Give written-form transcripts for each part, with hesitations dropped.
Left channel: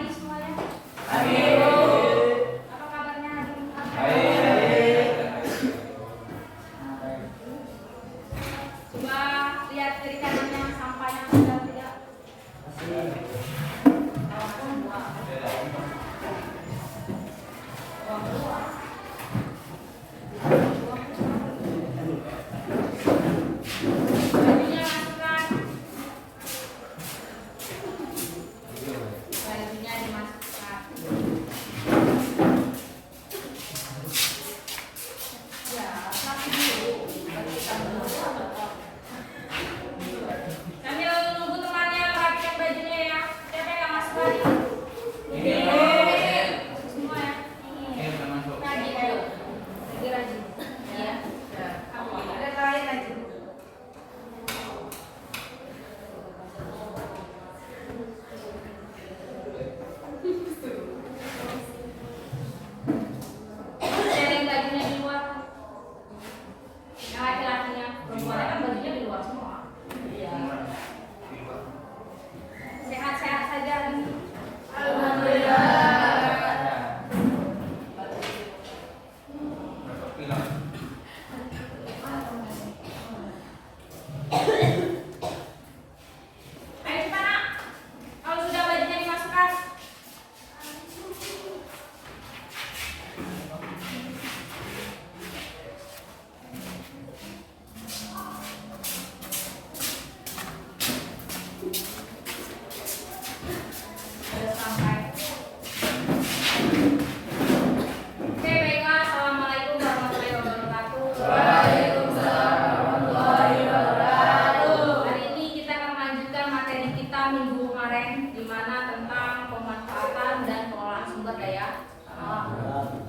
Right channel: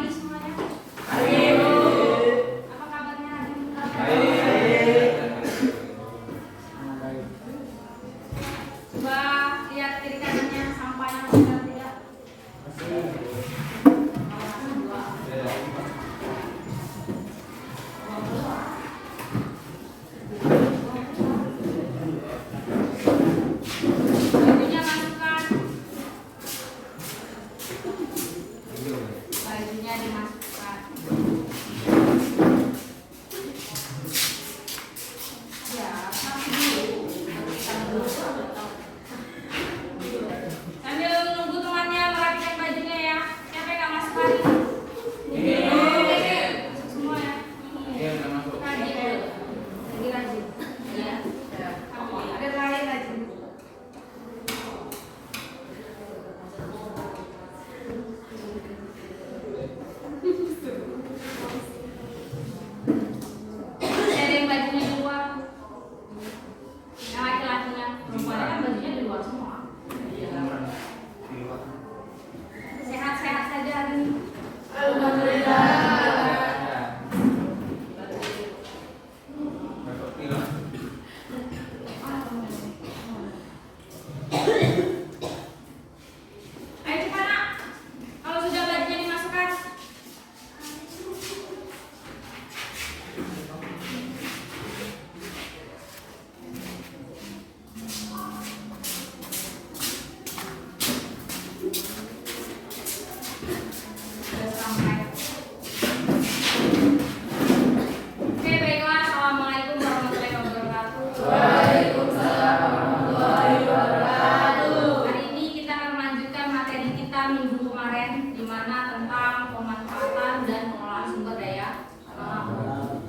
pagi semuanya. Pagi. Apa kabarnya hari ini? Baik. Coba lihat kiri kanannya sampahnya sudah tidak. Bajunya masukkan. Bajunya dimasukkan. Ya, tapi dulu. Sambil nunggu temannya merapikan bajunya ya. Siapa yang nggak masuk lagi? Masuk semua ya. Rajin. Lagi rajin. Ya. Ada lain rajin. Ada yang bajunya di luar. Yang laki-lakinya, perempuannya kan bajunya di luar semua. Sehat-sehat saja hari ini. Ayo cepat nak. Kalau sudah bajunya dimasukkan. Sudah sampai. Oke, baiklah. Assalamualaikum warahmatullahi wabarakatuh. Hari ini kita akan melanjutkan materi kita minggu kemarin, di mana tentang pemanfaatan dan pengelolaan sumber daya alam.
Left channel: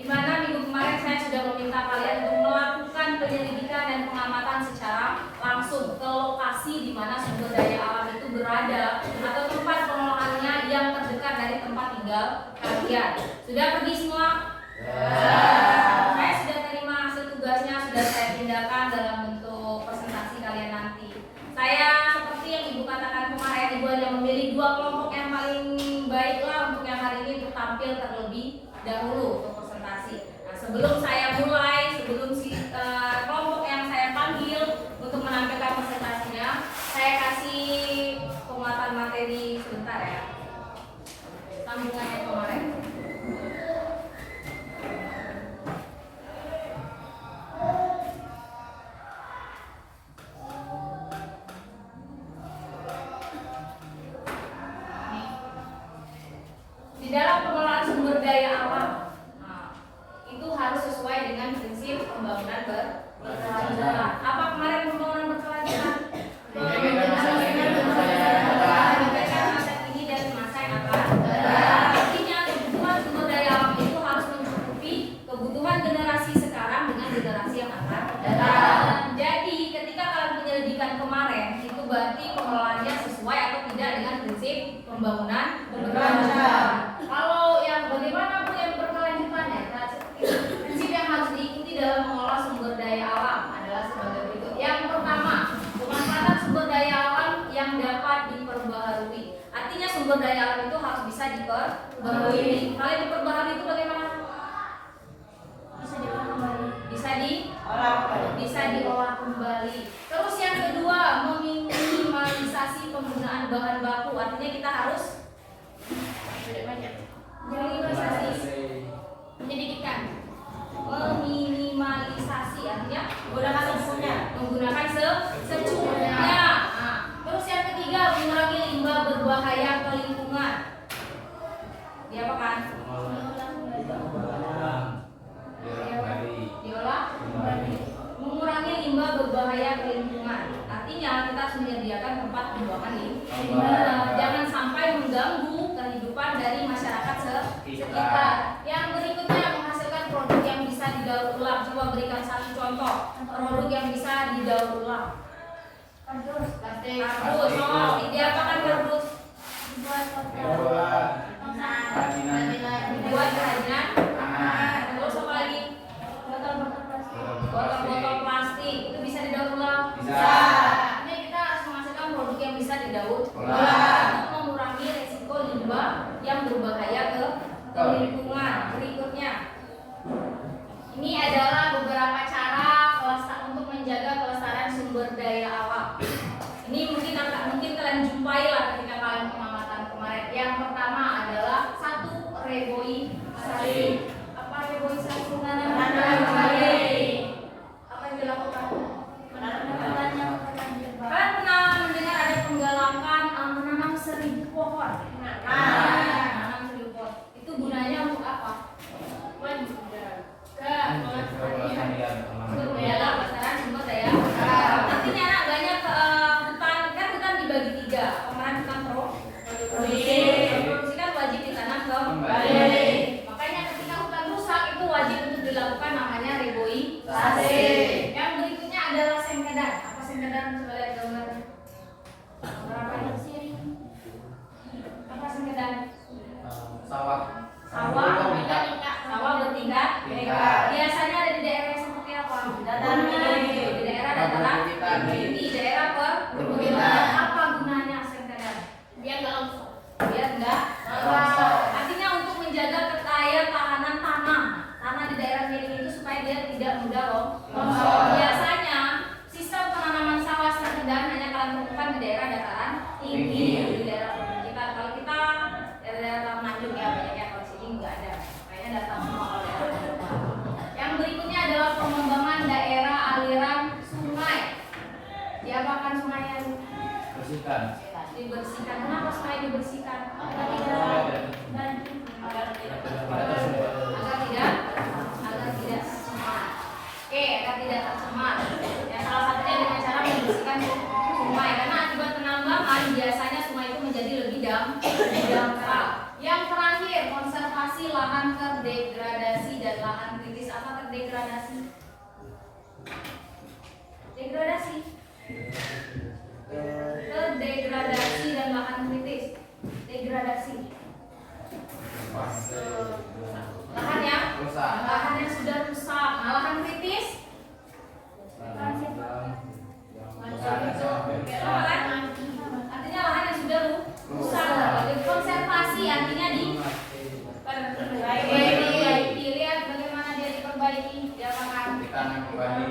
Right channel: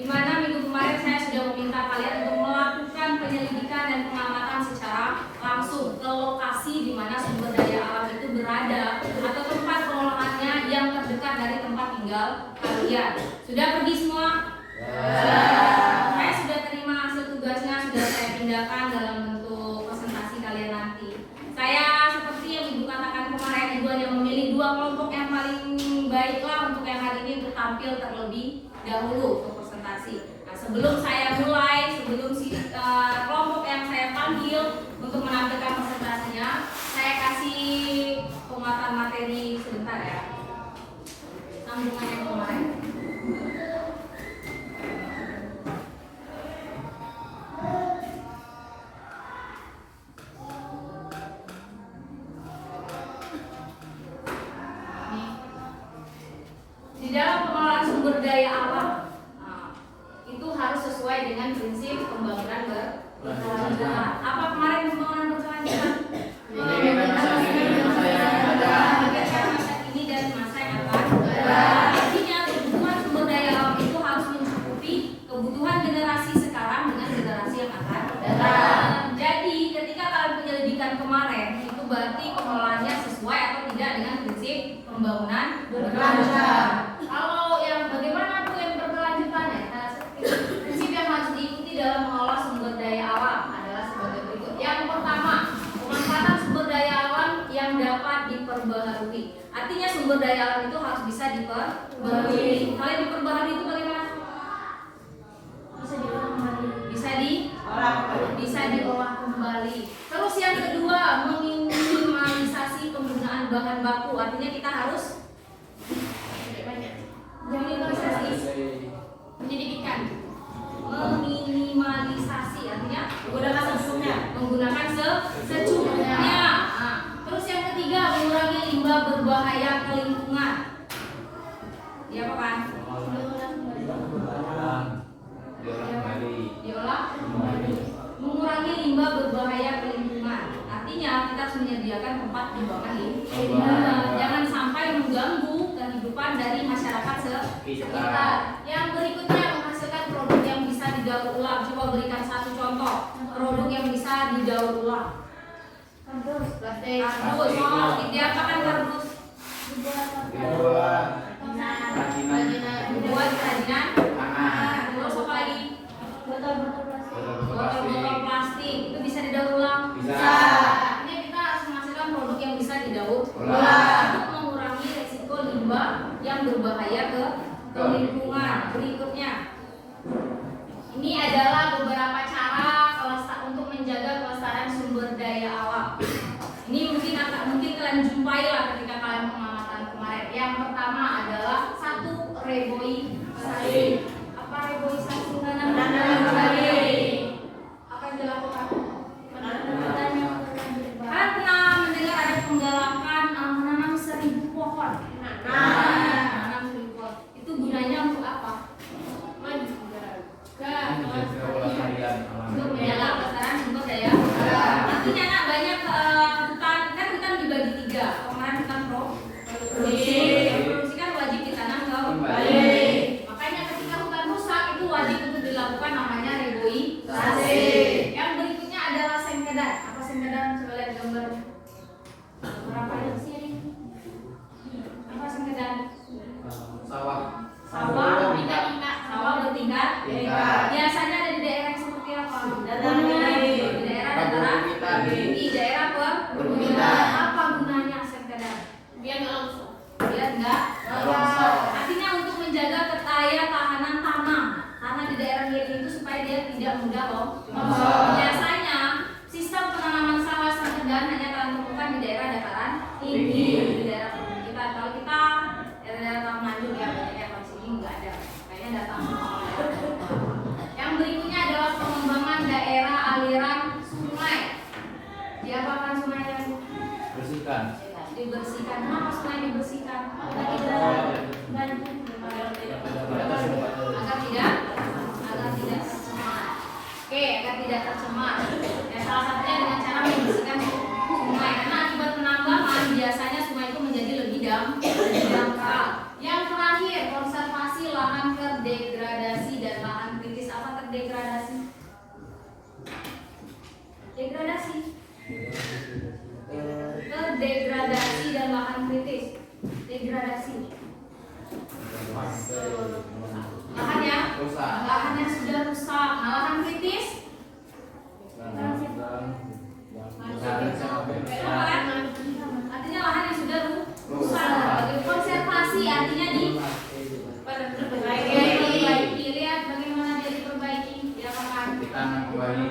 Di mana minggu kemarin saya sudah meminta kalian untuk melakukan penyelidikan dan pengamatan secara langsung ke lokasi di mana sumber daya alam itu berada atau tempat pengelolaannya yang terdekat dari tempat tinggal kalian. Sudah pergi semua? Saya sudah terima hasil tugasnya, sudah saya pindahkan dalam bentuk presentasi kalian nanti. Saya seperti yang Ibu katakan kemarin, Ibu hanya memilih dua kelompok yang paling baiklah untuk yang hari ini untuk tampil terlebih dahulu untuk presentasi. Nah, sebelum saya mulai, sebelum kelompok yang saya panggil untuk menampilkan presentasinya, saya kasih penguatan materi sebentar ya. Sambungannya kemarin. Di dalam pengelolaan sumber daya alam, itu harus sesuai dengan prinsip pembangunan berkelanjutan. Apa kemarin pembangunan berkelanjutan? Masa kini dan masa yang akan datang. Artinya kebutuhan sumber daya alam itu harus mencukupi kebutuhan generasi sekarang dengan generasi yang akan datang. Jadi ketika kalian penyelidikan kemarin, itu berarti pengelolaannya sesuai atau tidak dengan prinsip pembangunan berkelanjutan. Kalau yang bagaimana Bu yang berkelanjutan ya? Prinsip yang harus diikuti dalam mengelola sumber daya alam adalah sebagai berikut. Yang pertama, pemanfaatan sumber daya alam yang dapat diperbaharui. Artinya sumber daya alam itu harus bisa diperbaharui. Kalau yang diperbaharui itu bagaimana? Bisa diolah kembali. Bisa diolah kembali. Terus yang kedua, meminimalisasi penggunaan bahan baku. Artinya kita harus meminimalisasi, menyedikitkan, meminimalisasi artinya menggunakan secukupnya. Nah, terus yang ketiga, mengurangi limbah berbahaya ke lingkungan. Diapakan? Diolah kembali. Mengurangi limbah berbahaya ke lingkungan. Artinya kita harus menyediakan tempat pembuangan limbah. Jangan sampai mengganggu kehidupan dari masyarakat sekitar. Yang berikutnya, menghasilkan produk yang bisa didaur ulang. Coba berikan satu contoh produk yang bisa didaur ulang. Kardus, plastik. Kardus, diapakan kardus? Dibuat Dibuat kerajinan tangan. terus apa lagi? Botol-botol plastik itu bisa didaur ulang. Bisa. Ini kita harus menghasilkan produk yang bisa didaur Ulang. untuk mengurangi resiko limbah yang berbahaya ke lingkungan. Berikutnya, ini adalah beberapa cara untuk menjaga kelestarian sumber daya alam. Ini mungkin kalian jumpai lah ketika kalian pengamatan kemarin. Yang pertama adalah satu, reboisasi. Apa reboisasi? Tanam kembali. Apa yang dilakukan? Kalian pernah mendengar ada penggalakan menanam 1000 pohon? Menanam 1000 pohon. Itu gunanya untuk apa? Untuk menjaga kelestarian sumber daya. Artinya anak banyak hutan dibagi 3. Kemarin kan produksi kan wajib ditanam kembali. Makanya ketika hutan rusak itu wajib untuk dilakukan namanya reboisasi. Yang berikutnya adalah sengkedan. Apa sengkedan? Coba lihat gambarnya. Berapa yang sini? Apa sengkedan? Sawah. Sawah bertingkat. Biasanya ada di daerah yang seperti apa? Di daerah dataran tinggi, daerah perbukitan. Apa gunanya sengkedan? Biar enggak longsor. Artinya untuk menjaga daya tahanan tanah di daerah miring itu supaya dia tidak mudah longsor. Biasanya sistem penanaman sawah sengkedan hanya kalian temukan di daerah dataran tinggi, di daerah perbukitan. Kalau kita daerah Manado ya banyak yang di sini nggak ada. Kayaknya datang semua oleh. Yang berikutnya adalah pengembangan daerah aliran sungai. Diapakan sungainya? Bersihkan. Dibersihkan. Kenapa sungai dibersihkan? Agar tidak tercemar. Oke, agar tidak tercemar. Ya, salah satunya dengan cara membersihkan sungai. Karena akibat penambangan biasanya sungai itu menjadi lebih dangkal. Yang terakhir, konservasi lahan terdegradasi dan lahan kritis. Apa terdegradasi? Degradasi dan lahan kritis. Degradasi lahan yang sudah rusak. Nah, lahan kritis artinya lahan yang sudah rusak. Jadi konservasi artinya diperbaiki. Lihat bagaimana dia diperbaiki. Dia akan ditanam kembali.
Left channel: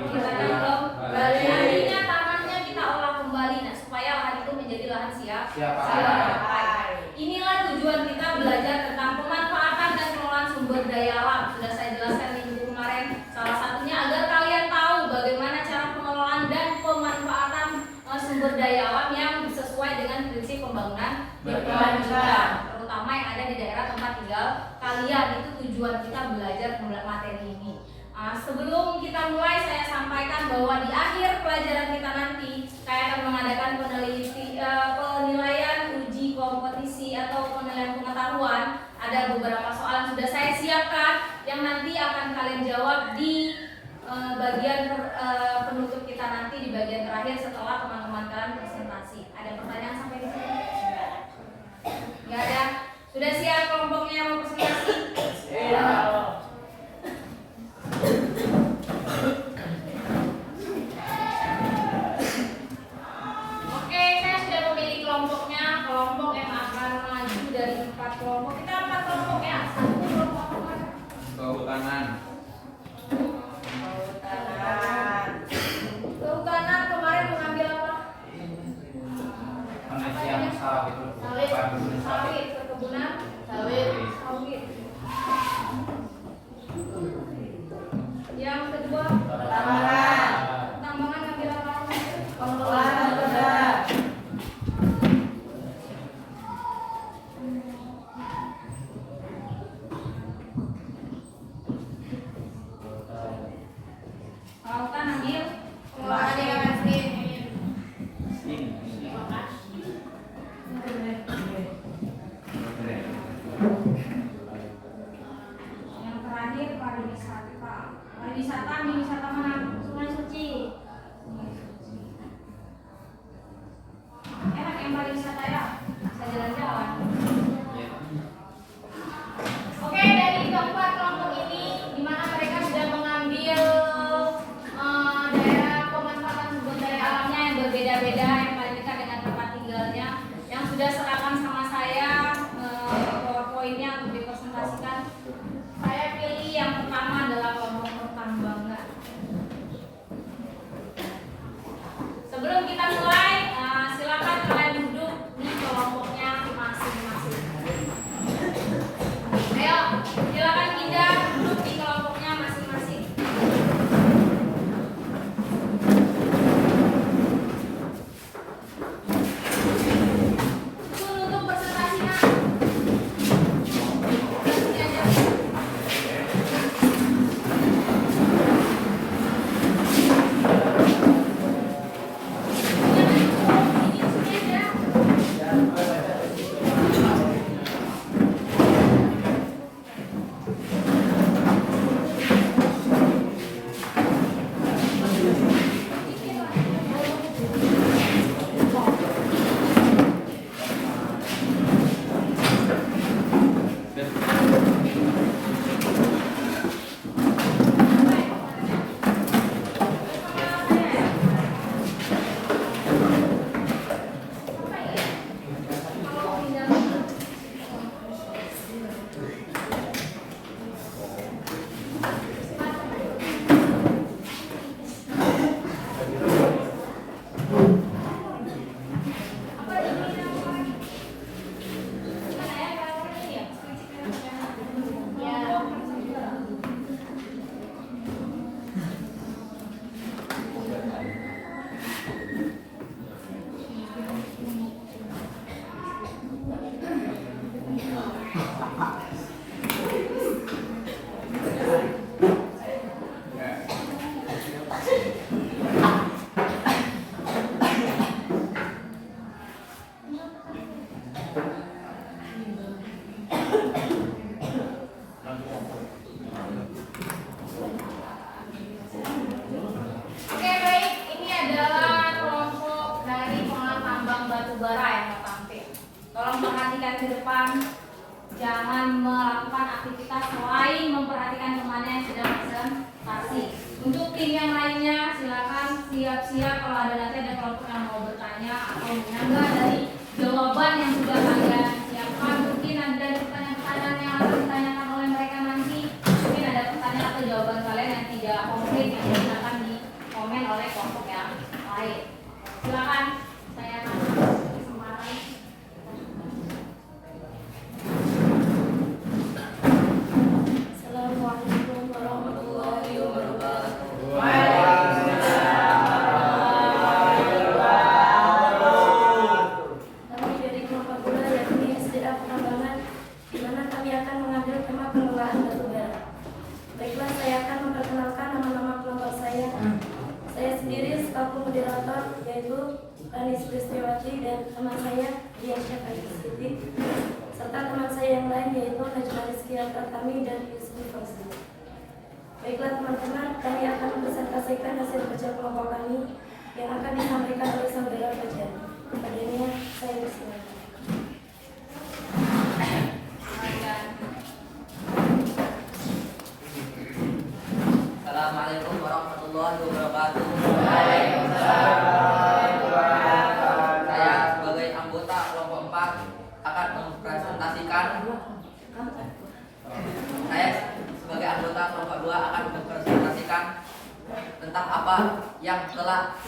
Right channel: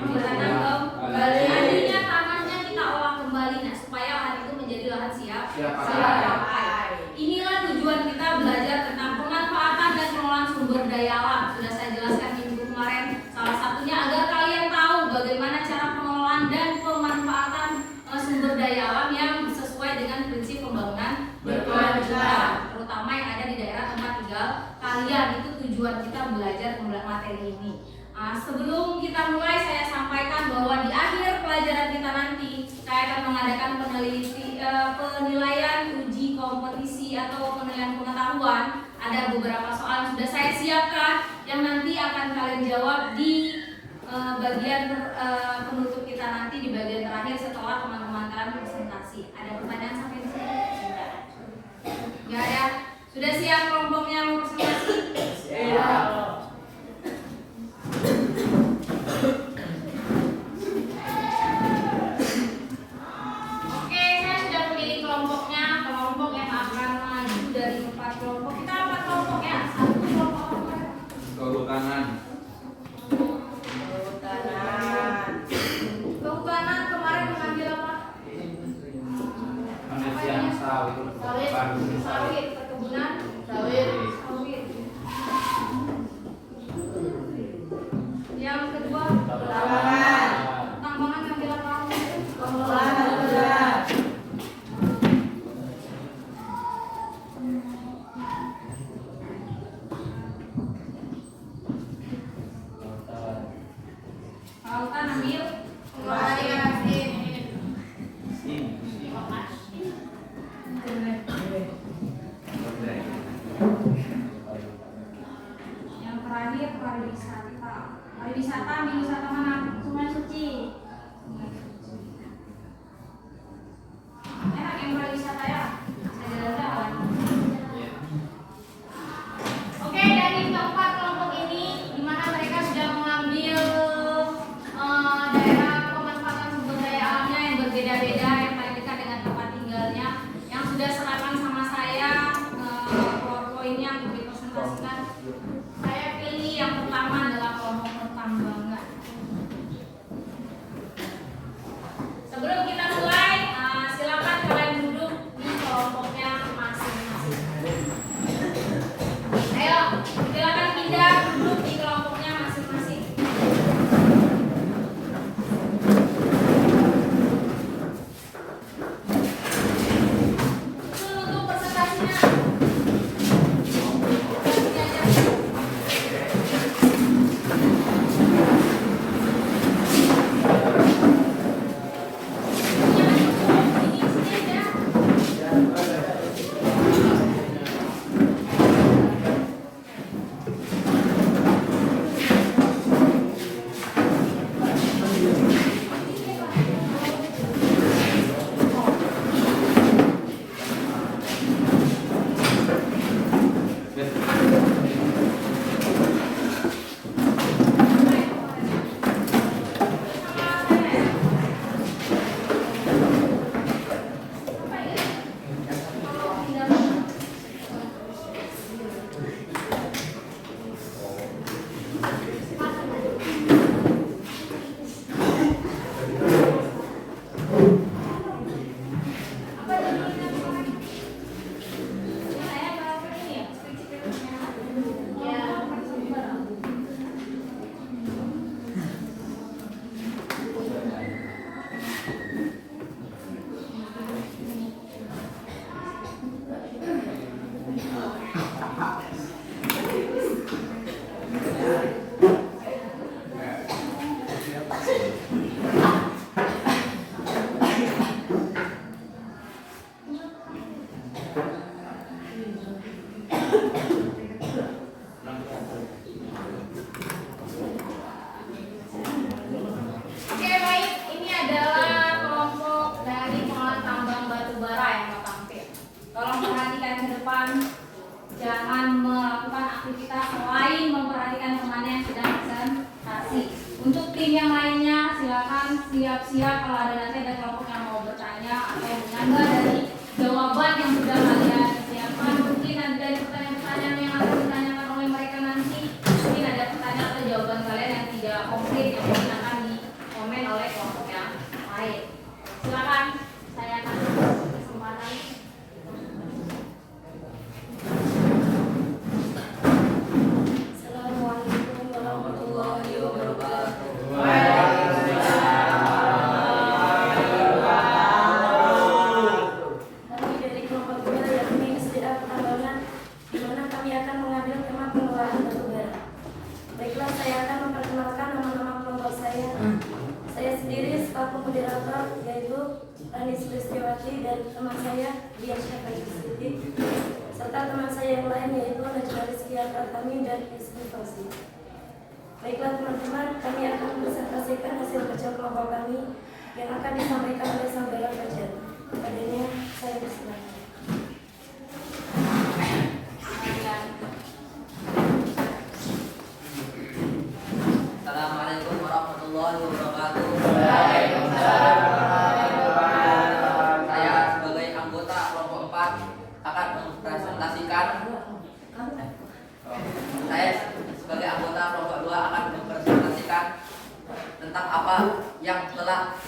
Artinya tanahnya kita olah kembali, nah supaya lahan itu menjadi lahan siap pakai. Inilah tujuan kita belajar tentang pemanfaatan dan pengelolaan sumber daya alam. Sudah saya jelaskan minggu kemarin. Salah satunya agar kalian tahu bagaimana cara pengelolaan dan pemanfaatan sumber daya alam yang sesuai dengan prinsip pembangunan berkelanjutan, terutama yang ada di daerah tempat tinggal kalian. Itu tujuan kita belajar materi ini. Sebelum kita mulai, saya sampaikan bahwa di akhir pelajaran kita nanti saya akan mengadakan penilaian uji kompetisi atau penilaian pengetahuan. Ada beberapa soal yang sudah saya siapkan yang nanti akan kalian jawab di bagian penutup kita nanti, di bagian terakhir setelah teman-teman kalian presentasi. Ada pertanyaan sampai di sini? Enggak ada. Sudah siap kelompoknya mau presentasi? Oke, saya sudah memilih kelompoknya. Kelompok yang akan maju dari 4 kelompok. Kita 4 kelompok ya. Satu kelompok apa ya? Kehutanan. Kehutanan kemarin mengambil apa? Penelitian sawit. Sawit, perkebunan sawit. Yang kedua, tambangan ngambil apa? Lautan ambil yang terakhir pariwisata. Pariwisata ambil wisata mana? Sungai Suci. Enak yang pariwisata ya? Saya jalan-jalan. aktivitas selain memperhatikan temannya yang sedang presentasi. Untuk tim yang lainnya silakan siap-siap kalau nanti ada kelompok yang mau bertanya atau menambah dari jawaban yang sudah kalian siapkan. Mungkin ada pertanyaan-pertanyaan yang akan ditanyakan oleh mereka nanti. Mungkin ada pertanyaan atau jawaban kalian yang tidak komplit yang mungkin akan dikomen oleh kelompok yang lain. Silakan, saya akan kesempatan. Assalamualaikum warahmatullahi wabarakatuh. Kami dari kelompok 2 yakni SDA Penambangan, di mana kami akan mengambil tema pengelolaan batu bara. Baiklah, saya akan memperkenalkan nama-nama kelompok saya. Saya sendiri selaku moderator yaitu Rani Sulistiawati dan teman saya Dian Syafai Siddiq, serta teman saya yang lain yaitu Najwa Rizkia Pratami dan Ismi Fauzi. Baiklah teman-teman, kami akan mempresentasikan hasil kerja kelompok kami yang akan disampaikan oleh saudara Fajar. Padanya saya bersilakan. Assalamualaikum warahmatullahi wabarakatuh. Saya sebagai anggota kelompok 4 akan mempresentasikan tentang apa yang telah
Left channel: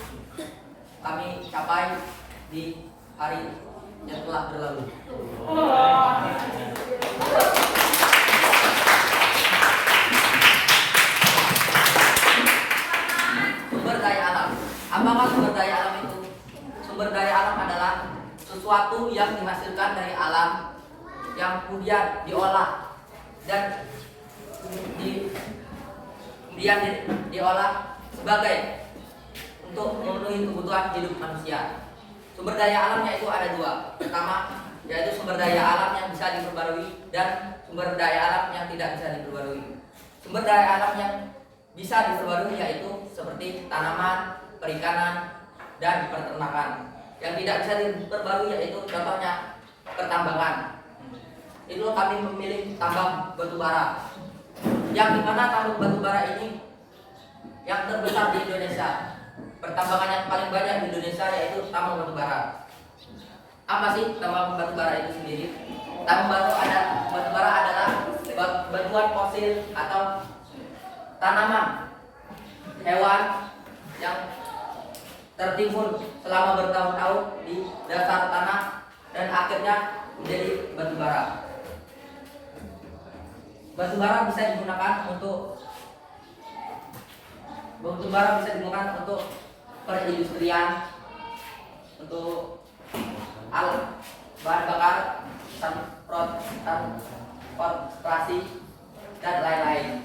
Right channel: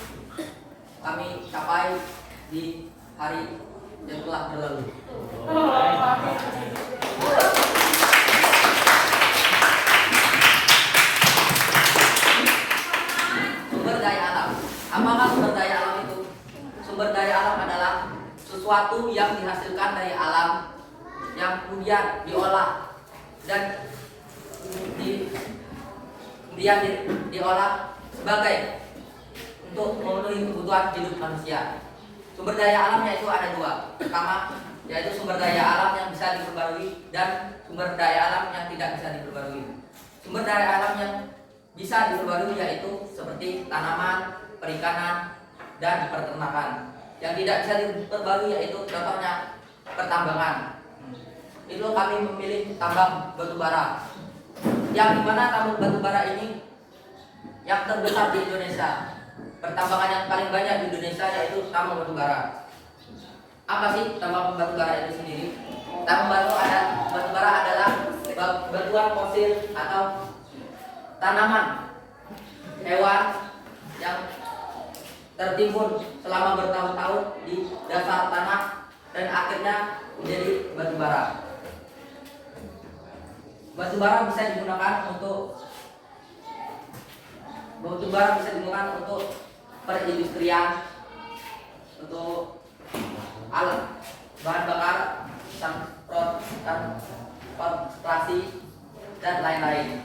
kami capai di hari yang telah berlalu. Sumber daya alam. Apakah sumber daya alam itu? Sumber daya alam adalah sesuatu yang dihasilkan dari alam yang kemudian diolah dan kemudian diolah sebagai untuk memenuhi kebutuhan hidup manusia. Sumber daya alamnya itu ada dua. Pertama, yaitu sumber daya alam yang bisa diperbarui dan sumber daya alam yang tidak bisa diperbarui. Sumber daya alam yang bisa diperbarui yaitu seperti tanaman, perikanan, dan peternakan. Yang tidak bisa diperbarui yaitu contohnya pertambangan. Itu kami memilih tambang batu bara. Yang dimana tambang batu bara ini yang terbesar di Indonesia. Pertambangan yang paling banyak di Indonesia yaitu tambang batu bara. Apa sih tambang batu bara itu sendiri? Tambang batu bara adalah batuan fosil atau tanaman, hewan yang tertimbun selama bertahun-tahun di dasar tanah dan akhirnya menjadi batu bara. Batu bara bisa digunakan untuk perindustrian, untuk alat bahan bakar, transportasi, dan lain-lain.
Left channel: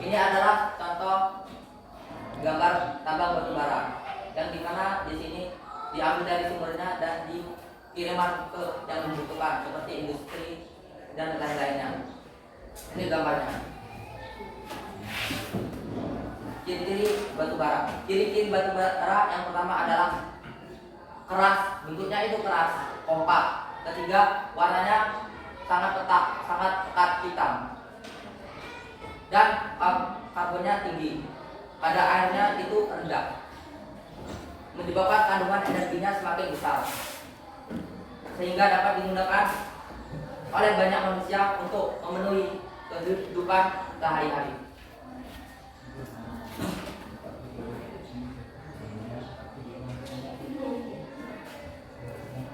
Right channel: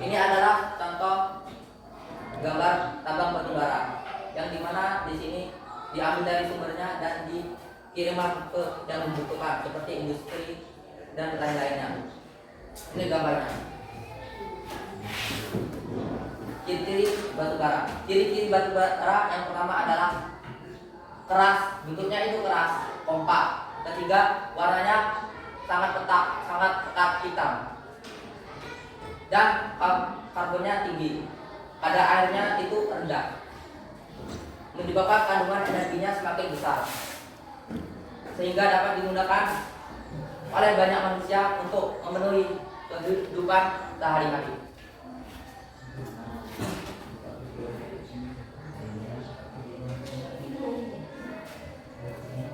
Ini adalah contoh gambar tambang batu bara yang dimana di sini diambil dari sumbernya dan dikirimkan ke yang membutuhkan seperti industri dan lain-lainnya. Ini gambarnya. Ciri-ciri batu bara. Ciri-ciri batu bara yang pertama adalah keras, bentuknya itu keras, kompak. Ketiga, warnanya sangat pekat hitam. Dan karbonnya tinggi. Kadar airnya itu rendah. Menyebabkan kandungan energinya semakin besar. Sehingga dapat digunakan oleh banyak manusia untuk memenuhi kehidupan sehari-hari.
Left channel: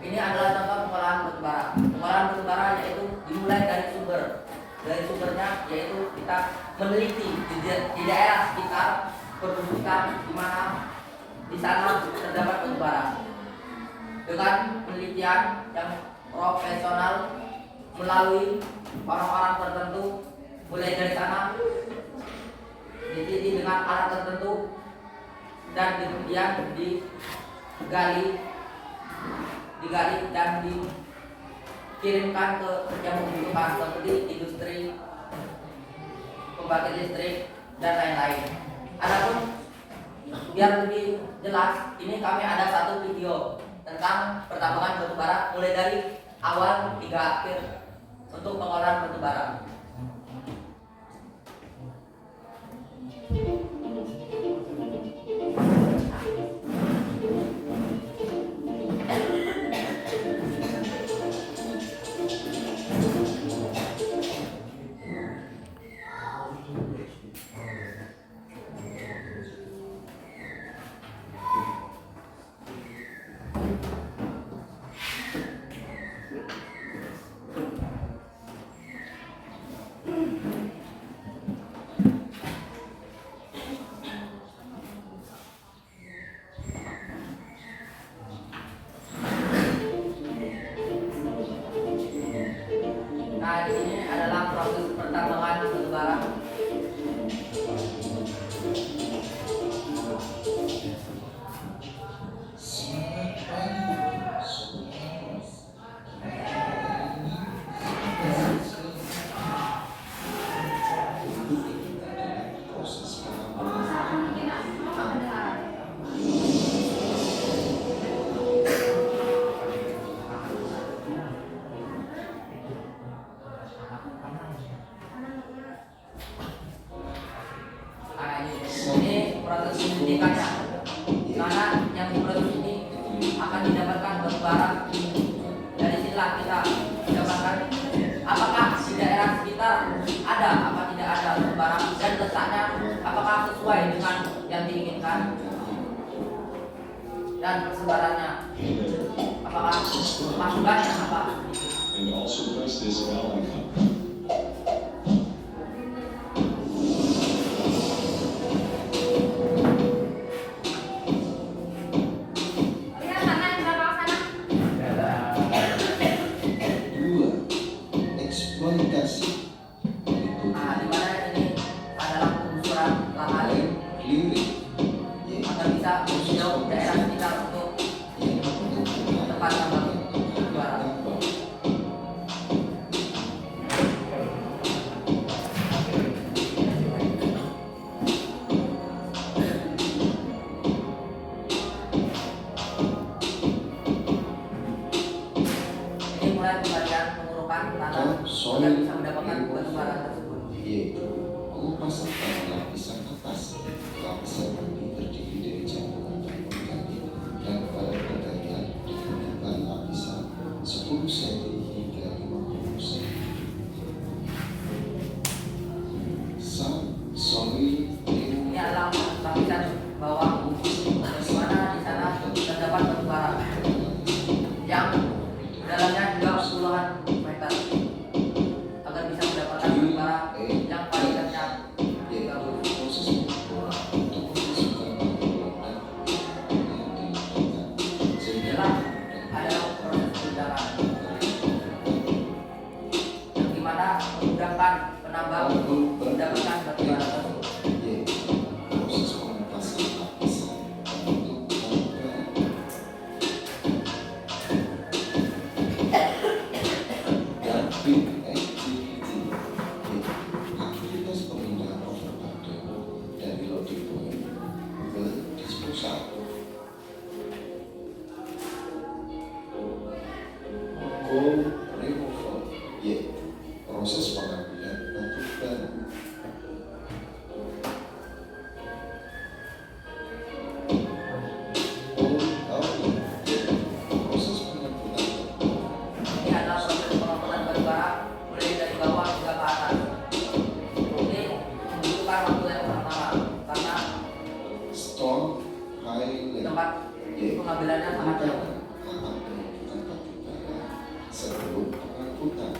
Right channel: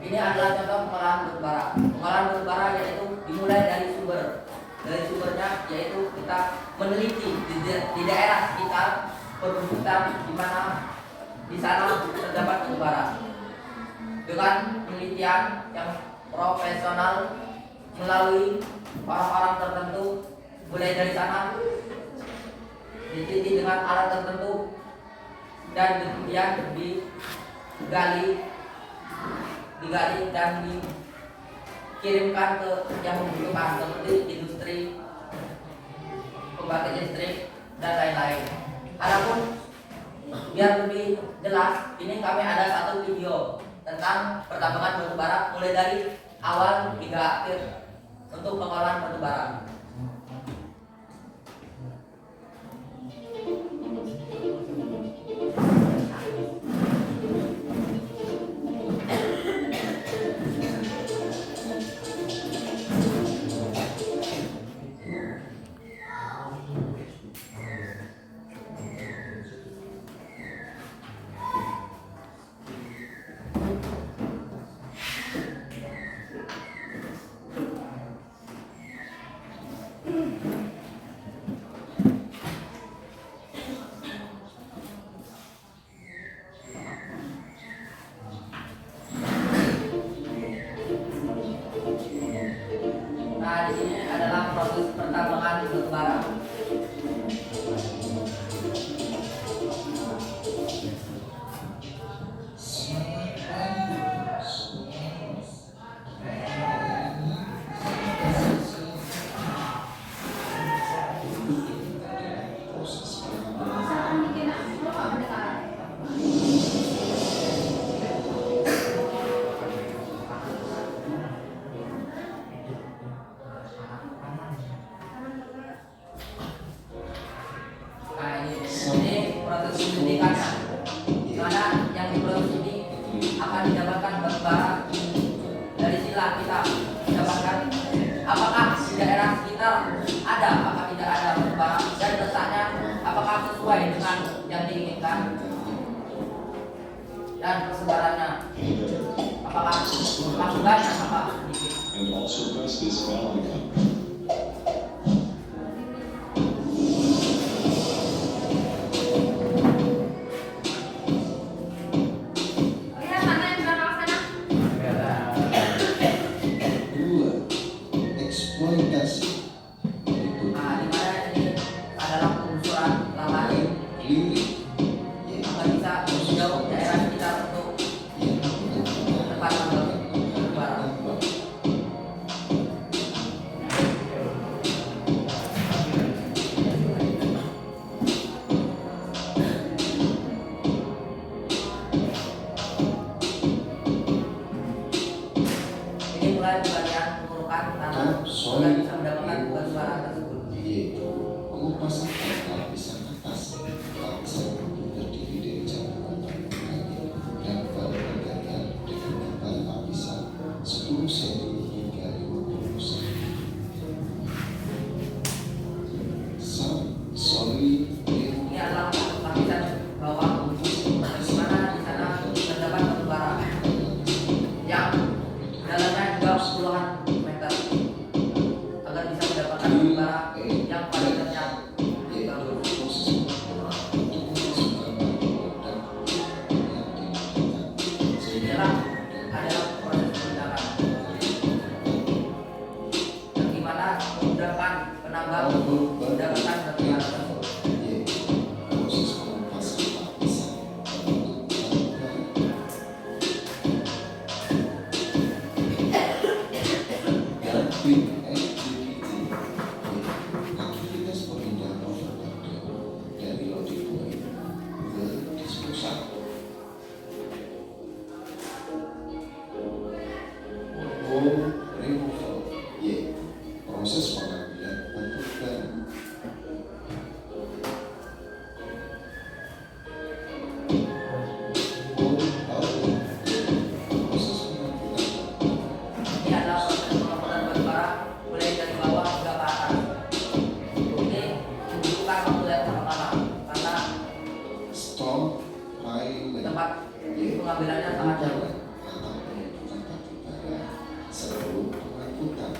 Ini adalah contoh pengolahan batu bara. Pengolahan batu bara yaitu dimulai dari sumber. Dari sumbernya yaitu kita meneliti di daerah sekitar perbukitan di mana di sana terdapat batu bara. Dengan penelitian yang profesional melalui orang-orang tertentu, mulai dari sana diteliti dengan alat tertentu dan kemudian digali dan dikirimkan ke yang membutuhkan seperti industri, pembangkit listrik, dan lain-lain. Adapun biar lebih jelas, ini kami ada satu video tentang pertambangan batu bara mulai dari awal hingga akhir untuk pengolahan batu bara. Nah, di sini adalah proses pertambangan batu bara. Nah, ini proses penyelidikannya. Karena yang diproses ini akan didapatkan batu bara. Dari sinilah kita dapatkan apakah di daerah sekitar ada apa tidak ada batu bara dan letaknya apakah sesuai dengan yang diinginkan dan persebarannya apakah masukannya apa sedikit. And also press this bell icon. Lihat mana yang belakang sana. Dua, eksploitasi. Nah, di mana ini adalah penggusuran lahan Clearing. agar bisa menjauh daerah sekitar untuk tempat tambang batu bara. Ini mulai bagian pengurukan tanah agar bisa mendapatkan batu bara tersebut. Yaitu pengupasan pada lapisan atas. Lapisan ini terdiri dari campuran permukaan dan permukaan dengan bahan lapisan 10 cm hingga 50 cm. Solid Ini adalah lapisan bawah di mana di sana terdapat batu bara yang dalamnya juga puluhan meter agar bisa mendapatkan batu bara yang kualitasnya yaitu proses pengukuran untuk memasukkan produk yang dibutuhkan sehingga inilah adalah proses penunjangan yang dimana memudahkan penambang untuk mendapatkan batu bara tersebut. yaitu proses pengupasan lapisan untuk permukaan dan pin activity yaitu aktivitas pemindahan overburden dari loading point ke disposal. Coal removal yaitu proses pengambilan batu bara. Coal outlet yaitu proses pengambilan batu bara. Ini adalah proses pengangkutan batu bara mulai dari bawah hingga ke atas. Ini membutuhkan waktu yang lama karena Storm piling tempat yaitu pengambilannya sangat jauh. atau penumpukan batu bara sebelum pengangkutan.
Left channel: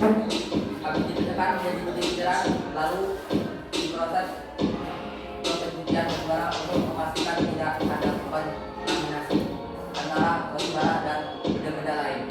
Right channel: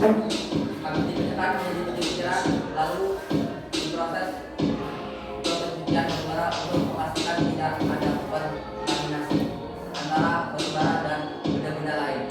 Habis dipecahkan menjadi butiran, lalu diproses pencucian batubara untuk memastikan tidak ada kontaminasi antara batubara dan benda-benda lain.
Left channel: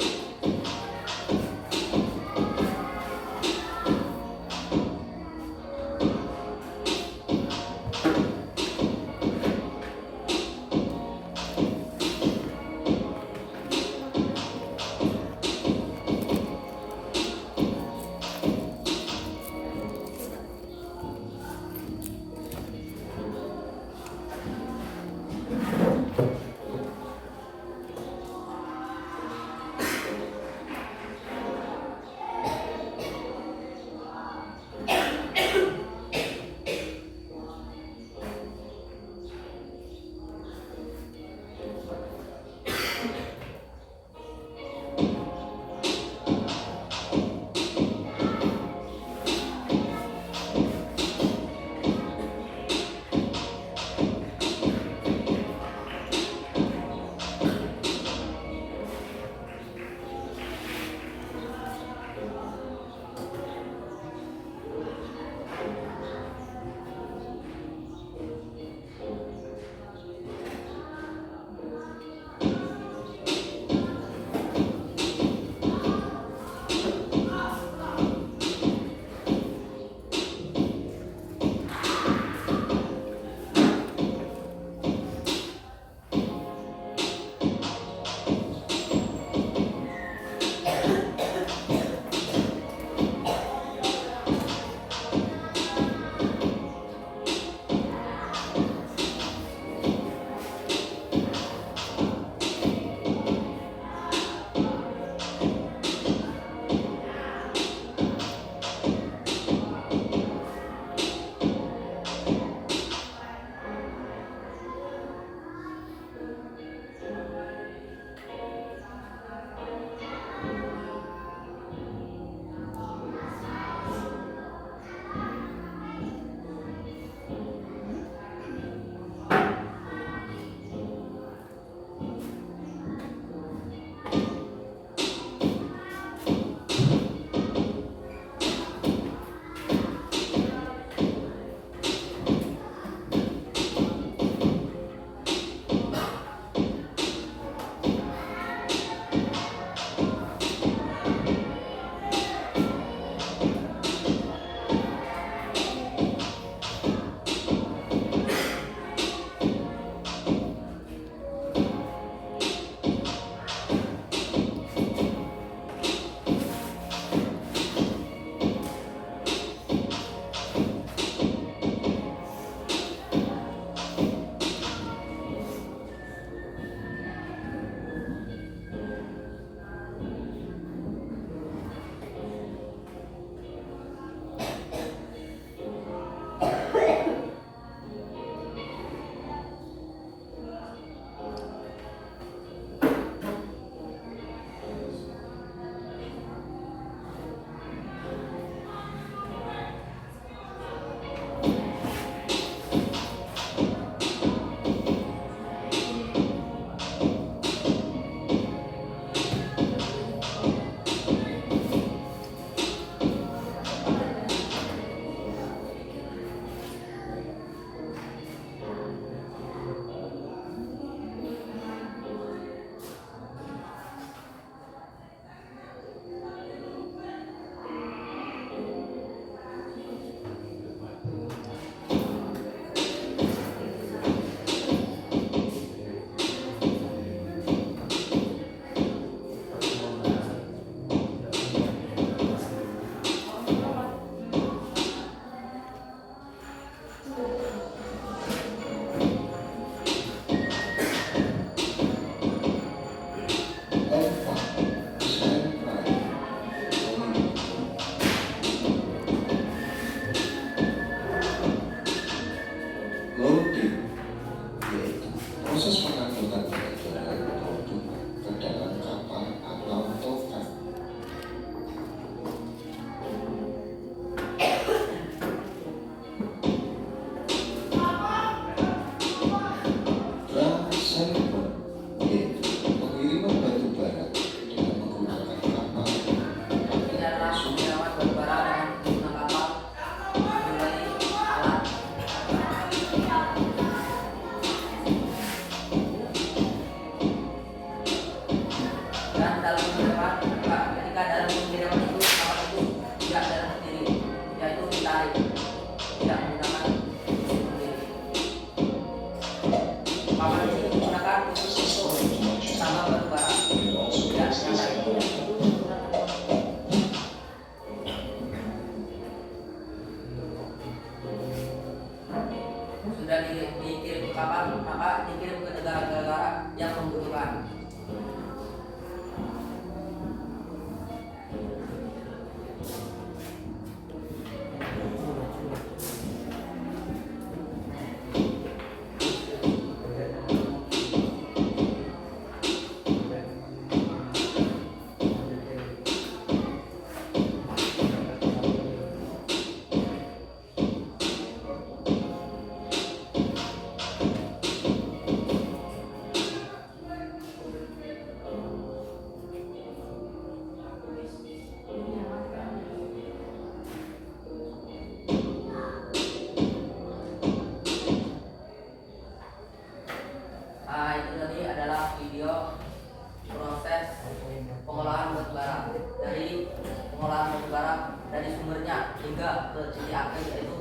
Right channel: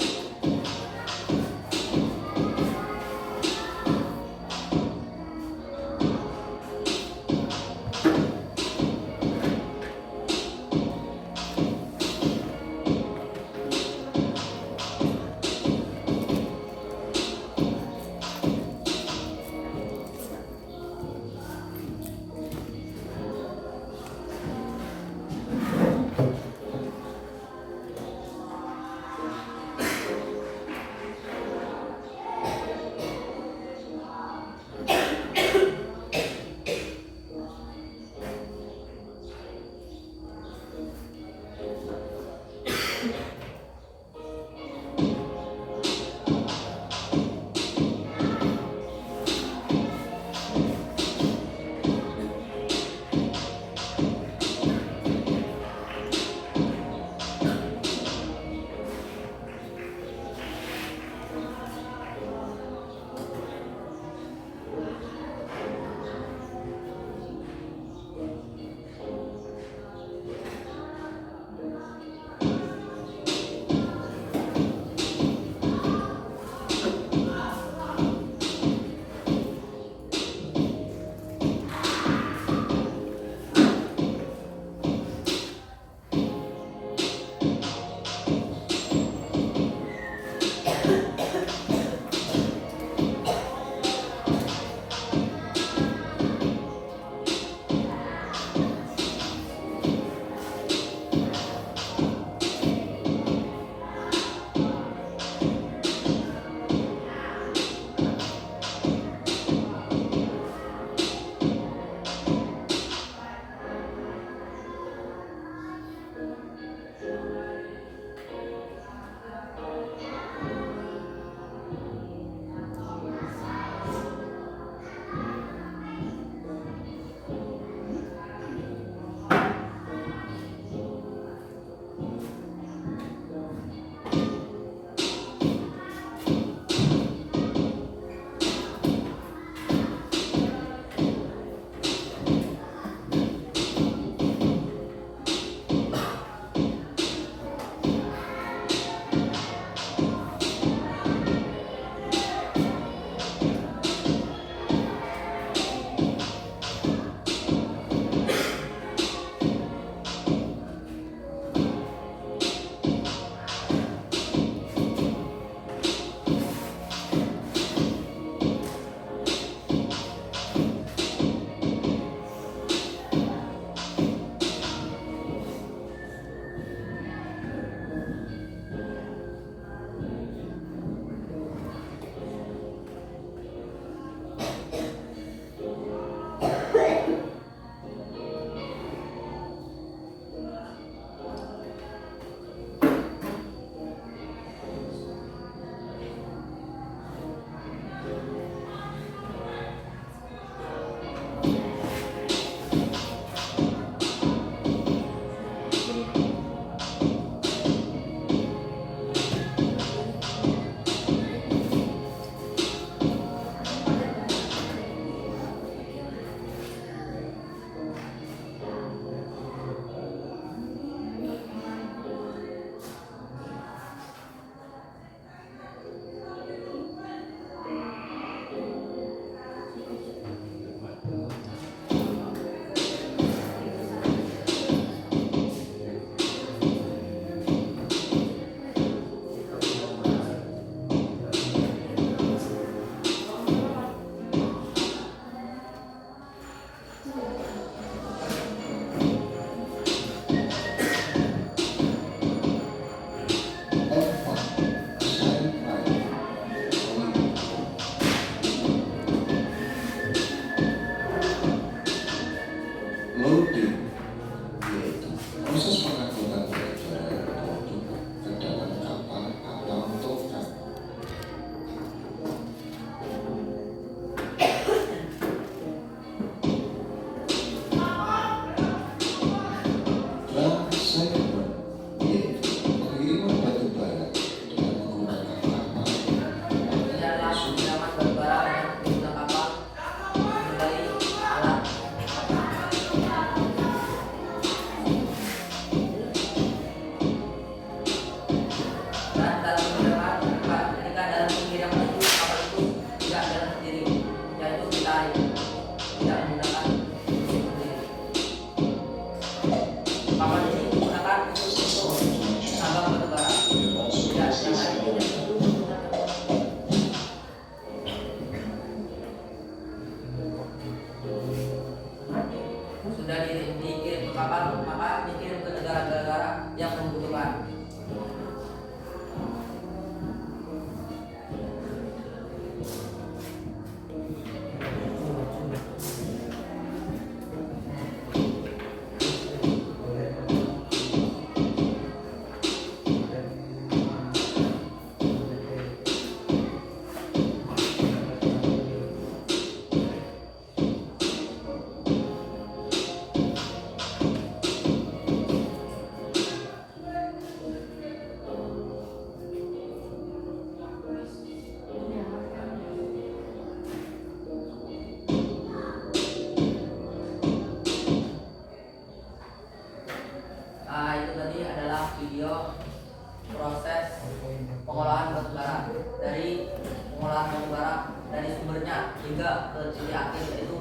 titik api, yaitu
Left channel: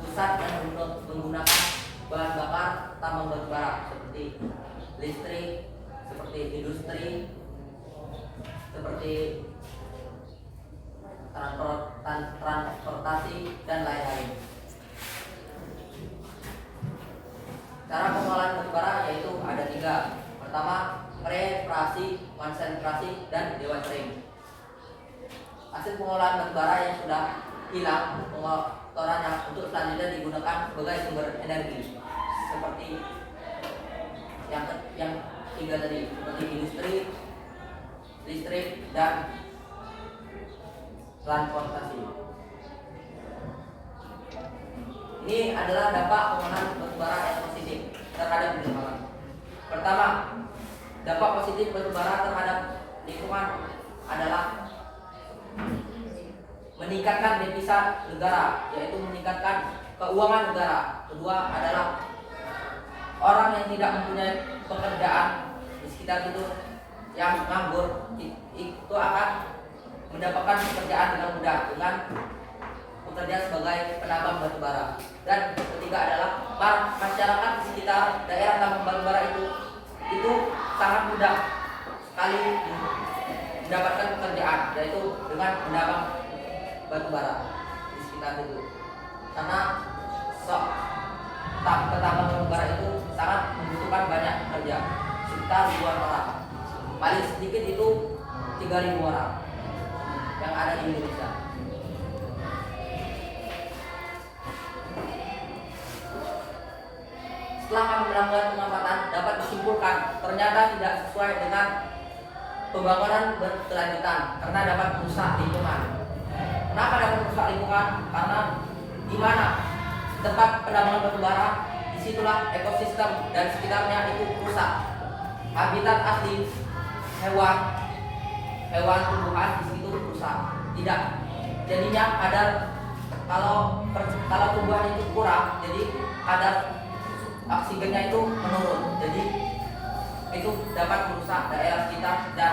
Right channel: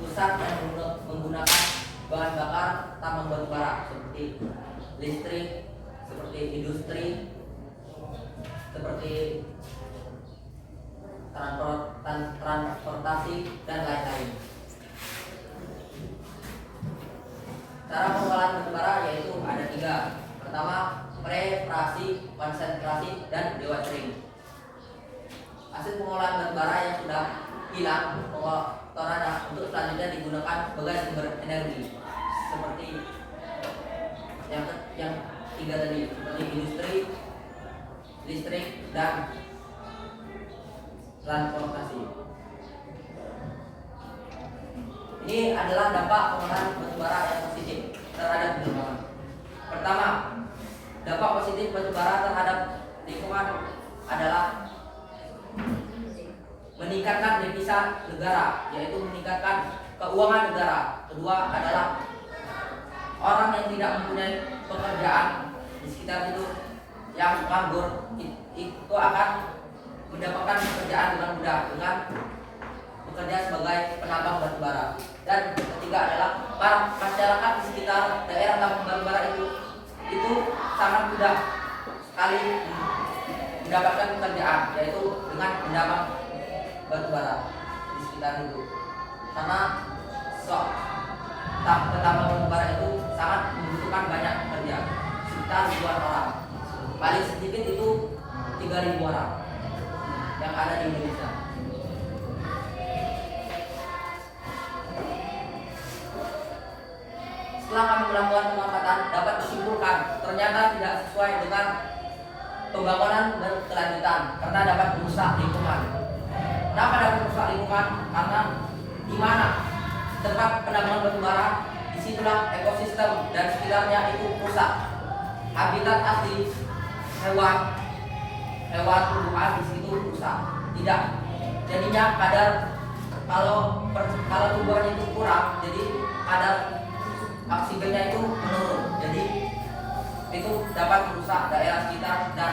pusat yang menggunakan bahan bakar tambang batu bara seperti listrik, seperti industri, seperti transportasi dan lain-lain. Cara pengolahan batu bara yaitu ada 3. Pertama, preparasi, konsentrasi, dan dewatering. Hasil pengolahan batu bara yang sudah hilang pengotorannya untuk selanjutnya digunakan sebagai sumber energi seperti yang 3 tadi, seperti industri, listrik, dan transportasi. Ini adalah dampak pengolahan batu bara yang positif terhadap lingkungan. Pertama, dampak positif batu bara terhadap lingkungan adalah meningkatkan devisa negara, yaitu meningkatkan keuangan negara. Kedua adalah orang yang tidak mempunyai pekerjaan di sekitar itu yang nganggur itu akan mendapatkan pekerjaan dengan mudah dengan bekerja sebagai penambang batu bara. Dan ketiga adalah para masyarakat di sekitar daerah tambang batu bara itu sangat mudah sekali mendapatkan pekerjaan, yaitu dengan menambang batu bara di sekitar itu. Karena petambang batu bara itu sangat membutuhkan banyak pekerja, sekitar ribuan orang. Paling sedikit itu 3.000 orang yang ada di Indonesia. Setelah kami melakukan pengamatan, dapat disimpulkan ternyata tidak sesuai dengan pembangunan berkelanjutan karena dapat merusak lingkungan. Kenapa dapat merusak lingkungan? Karena di mana tempat penambangan batu bara, disitulah ekosistem dan sekitarnya itu rusak. Habitat asli hewan tumbuhan di situ rusak. Tidak, jadinya kalau tumbuhan itu kurang, jadi kadar oksigennya itu menurun. Jadi itu dapat merusak daerah sekitar dan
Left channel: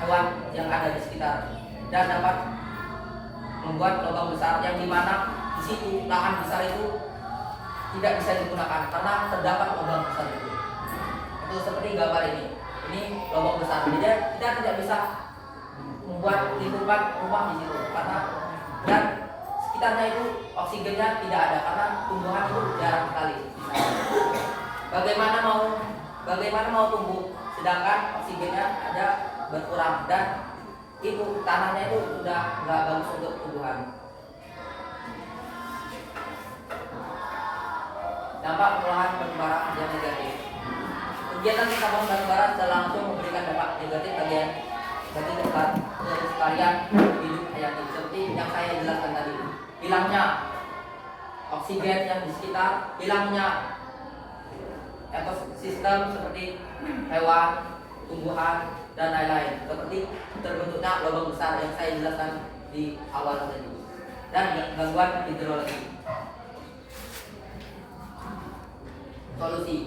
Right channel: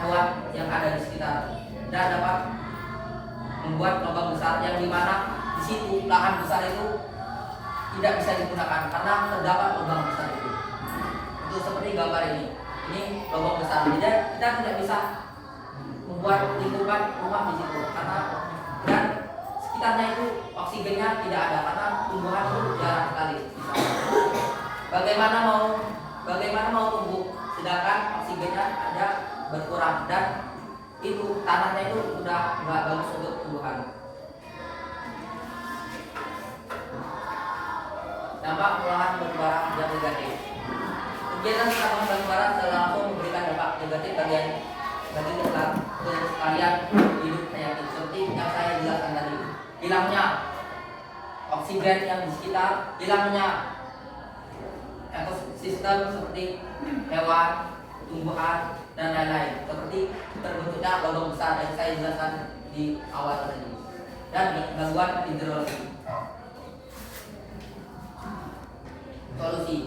hewan yang ada di sekitar, dan dapat membuat lubang besar yang dimana di situ lahan besar itu tidak bisa digunakan karena terdapat lubang besar itu. Itu seperti gambar ini lubang besar. Jadi kita tidak bisa membuat lingkungan rumah di situ karena dan sekitarnya itu oksigennya tidak ada karena tumbuhan itu jarang sekali. Bagaimana mau tumbuh sedangkan oksigennya ada berkurang dan itu tanahnya itu sudah nggak bagus untuk tumbuhan. Dampak pengolahan batu bara yang negatif. Kegiatan penambangan batu bara setelah langsung memberikan dampak negatif bagi kelestarian hidup hayati seperti yang saya jelaskan tadi. Hilangnya oksigen yang di sekitar, hilangnya ekosistem seperti hewan, tumbuhan, dan lain-lain, seperti terbentuknya lubang besar yang saya jelaskan di awal tadi, dan gangguan hidrologi. Solusi.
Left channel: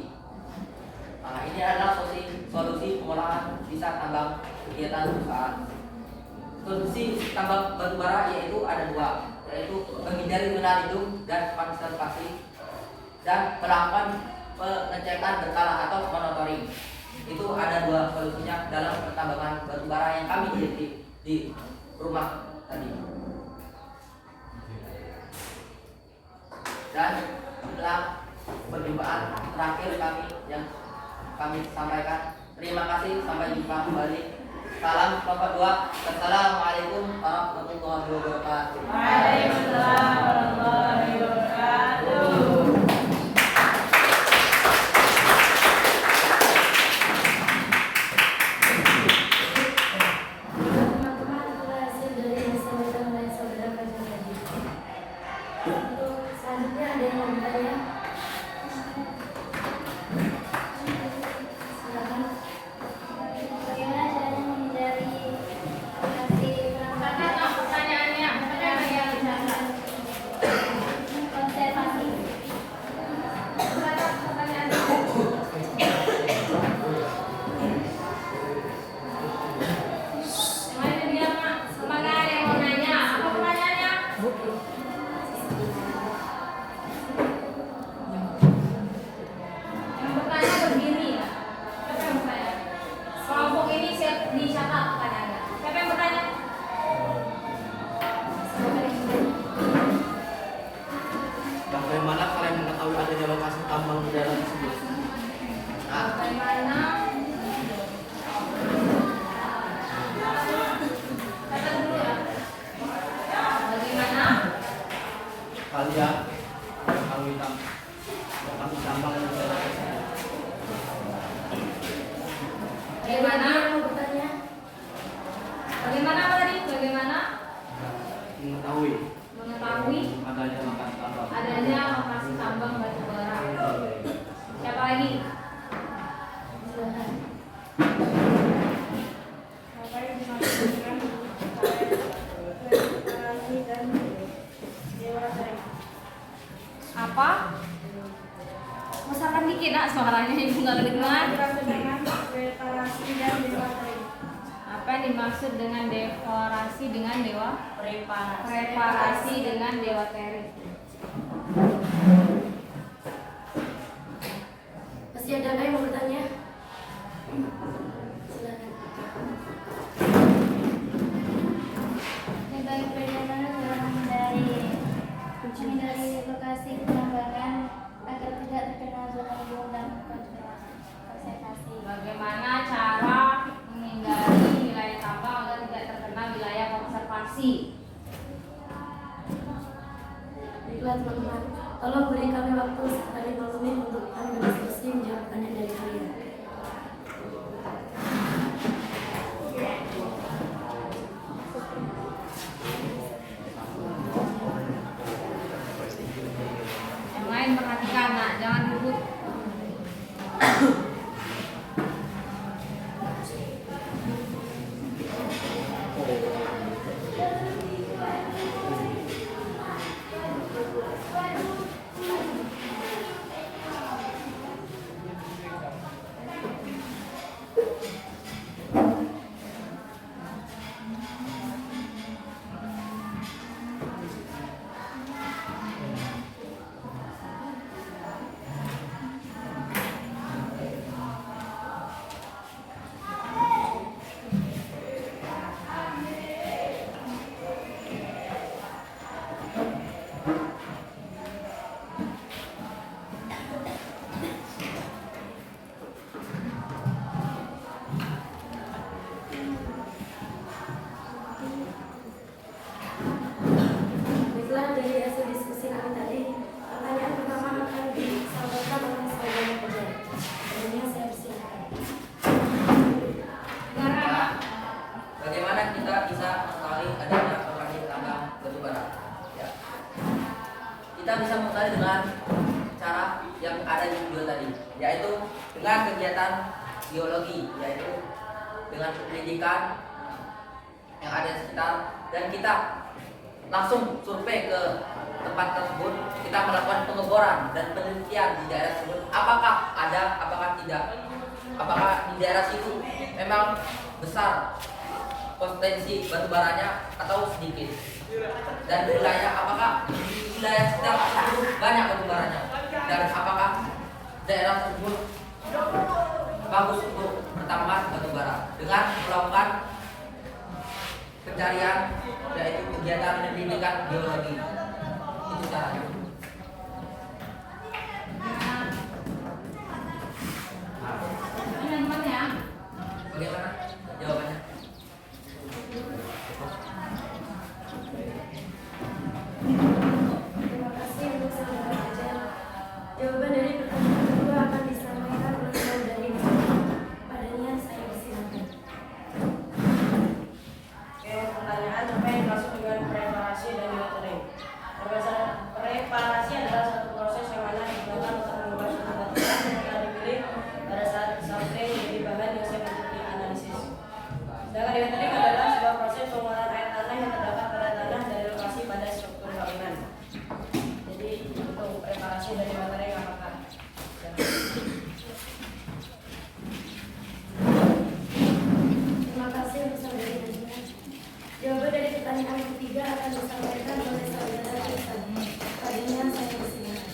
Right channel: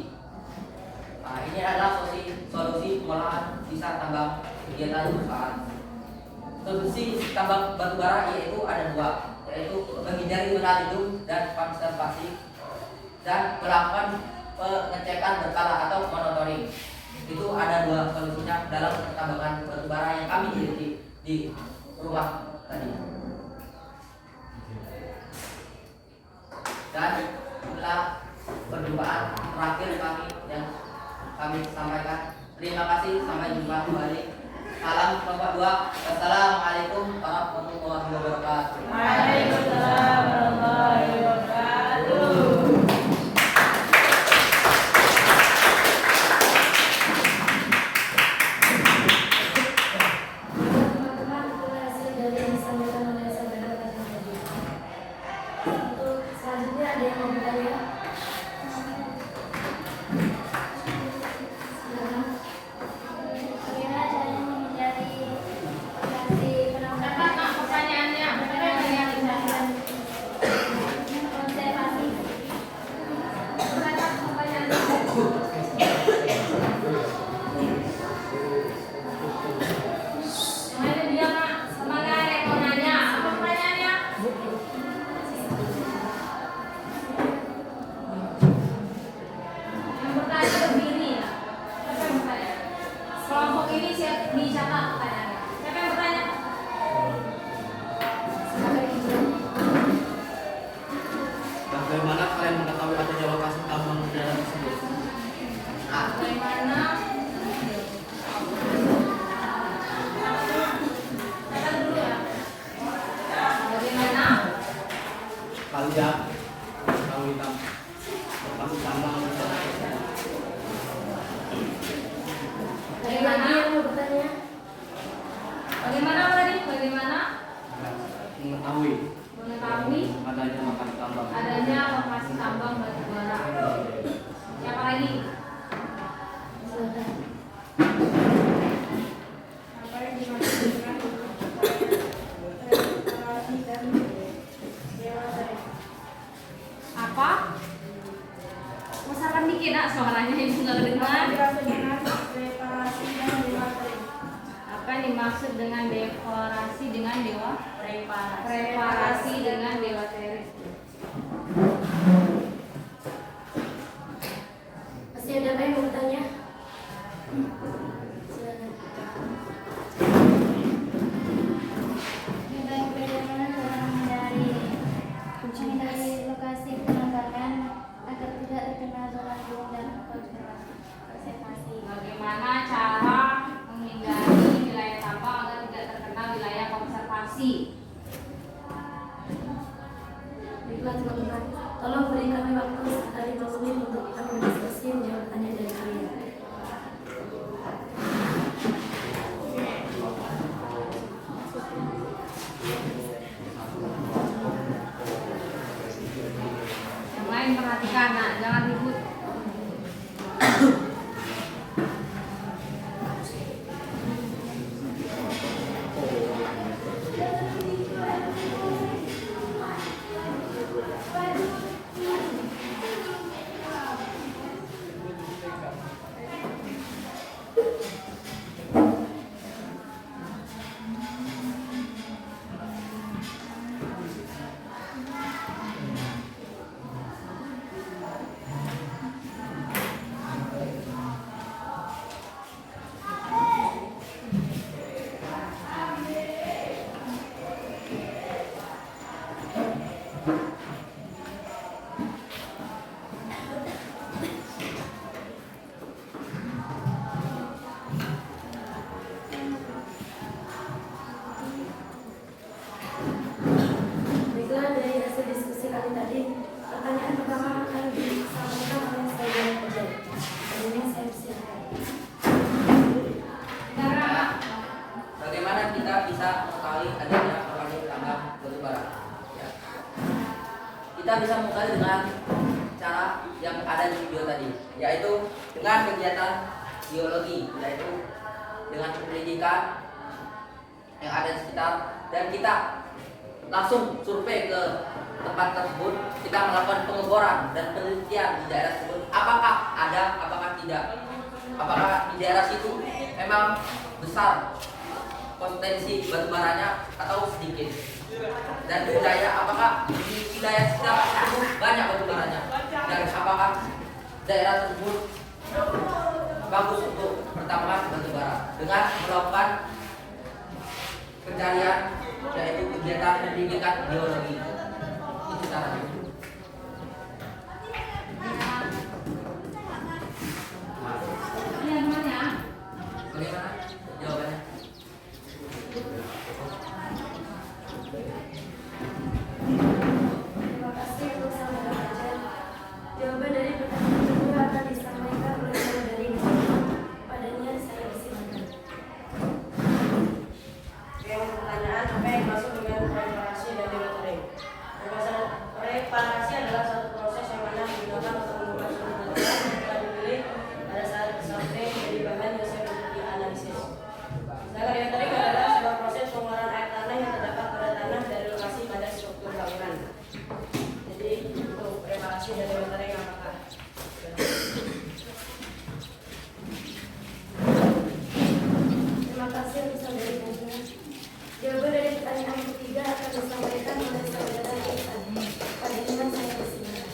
Nah, ini adalah solusi pengolahan sisa tambang kegiatan perusahaan. Solusi tambang batu bara yaitu ada 2, yaitu menghindari zona lindung dan konservasi, dan melakukan pengecekan berkala atau monitoring. Itu ada 2 solusinya dalam pertambangan batu bara yang kami lihat di rumah tadi. Dan inilah perjumpaan terakhir kami yang kami sampaikan. Terima kasih, sampai jumpa kembali. Salam Bapak 2. Assalamualaikum warahmatullahi wabarakatuh. Waalaikumsalam warahmatullahi wabarakatuh. Teman-teman, itulah hasil dari yang disampaikan oleh saudara Fajri tadi. Untuk selanjutnya ada yang mau bertanya? Silakan. Bagaimana caranya menghindari radiasi penambangan? Pertanyaannya, apa yang dimaksud dengan dekorasi dengan dewa? Reparasi dengan dewa Teres. Masih ada yang mau bertanya? Silakan. Baik, bagaimana cara menghindari lokasi penambangan agar tidak terkena zona lindung dan konservasi? Bagaimana cara menghindari wilayah tambang agar tidak terkena wilayah konservasi? Baiklah teman-teman, tolong beri kami waktu sekali 2 menit untuk kami berdiskusi menjawab pertanyaan dari kalian. Yang lain perhatikan, nak, jangan ribut. Baiklah, dari hasil diskusi kami tadi, pertanyaan pertama akan disampaikan oleh saudara Fajar. Sebelumnya saya persilakan. Bagaimana kita bisa mengetahui adanya lokasi tambang batu bara? Ya. Kita bisa mengetahui dengan cara yang ada di video tadi, yaitu dengan kegiatan geologi, yaitu dengan penelitikan yang ada di sekitar, dan kita langsung survei ke tempat tersebut. Kita melakukan pengeboran dan penelitian di daerah tersebut, apakah ada, apakah tidak, apakah di daerah situ memang besar potensi batu baranya atau sedikit, dan wilayah apakah di wilayah sekitar itu banyak batu baranya, dan apakah daerah tersebut bagus untuk pertambangan batu bara dengan melakukan pencarian, yaitu kegiatan pendidikan geologi. Itu caranya. Ini namanya. Bagaimana jawabannya? Terima kasih untuk saudara Fajar. Jawaban dari pertanyaan kedua akan disampaikan oleh saudari Nisa. Padanya saya persilakan. Oke, untuk pertanyaan apa yang dimaksud dengan reparasi dan demonstering? Reparasi adalah suatu proses yang mana digunakan untuk mengubah suatu batuan yang telah dipilih pada saat sampling menjadi bahan yang siap untuk dianalisis. Sedangkan demonstering adalah sebuah proses pengeluaran air tanah yang terdapat pada tanah dari lokasi pada struktur bangunan. Jadi untuk reparasi dan demonstering apakah? Terima kasih untuk saudari Nisa. Jawaban dari pertanyaan ketiga akan disampaikan oleh saudara Nisa. Padanya saya persilakan.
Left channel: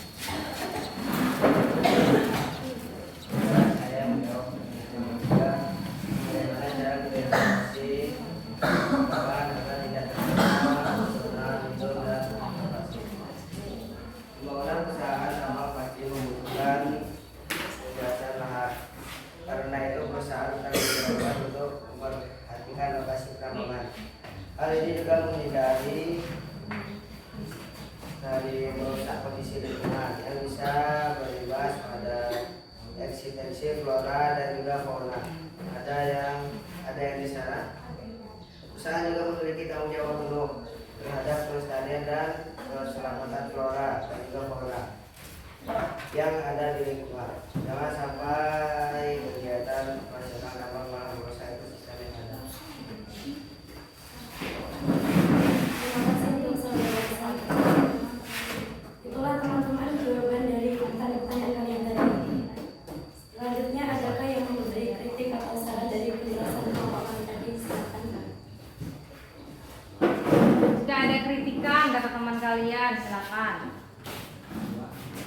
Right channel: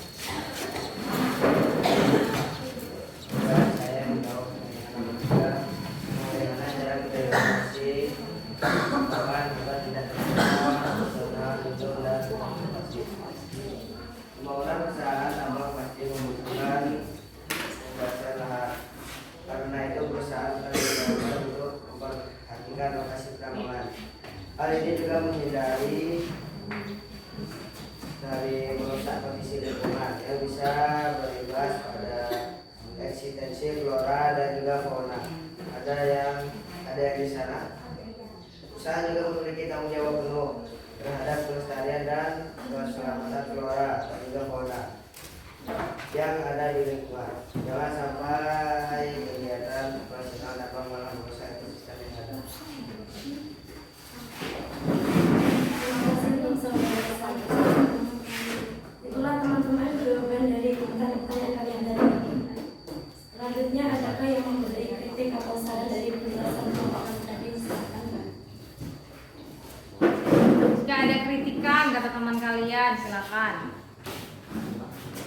Saya menjawab yang ketiga, bagaimana cara berevaluasi bahwa kita tidak terkena zona lindung dan konservasi. Pembangunan usaha tambang pasti membutuhkan kebebasan lahan. Karena itu perusahaan akan dilakukan untuk memperhatikan lokasi penambangan. Hal ini juga menghindari dari merusak kondisi lingkungan yang bisa berimbas pada eksistensi flora dan juga fauna. Ada yang di sana. Usaha juga memiliki tanggung jawab penuh terhadap pelestarian dan keselamatan flora dan juga fauna yang ada di lingkungan. Jangan sampai kegiatan operasional tambang malah merusak ekosistem yang ada. Terima kasih untuk saudara Nisa. Itulah teman-teman jawaban dari pertanyaan kalian tadi. Selanjutnya adakah yang memberi kritik atau saran dari penjelasan kelompok kami tadi? Silakan. ikan kata teman kalian, silakan.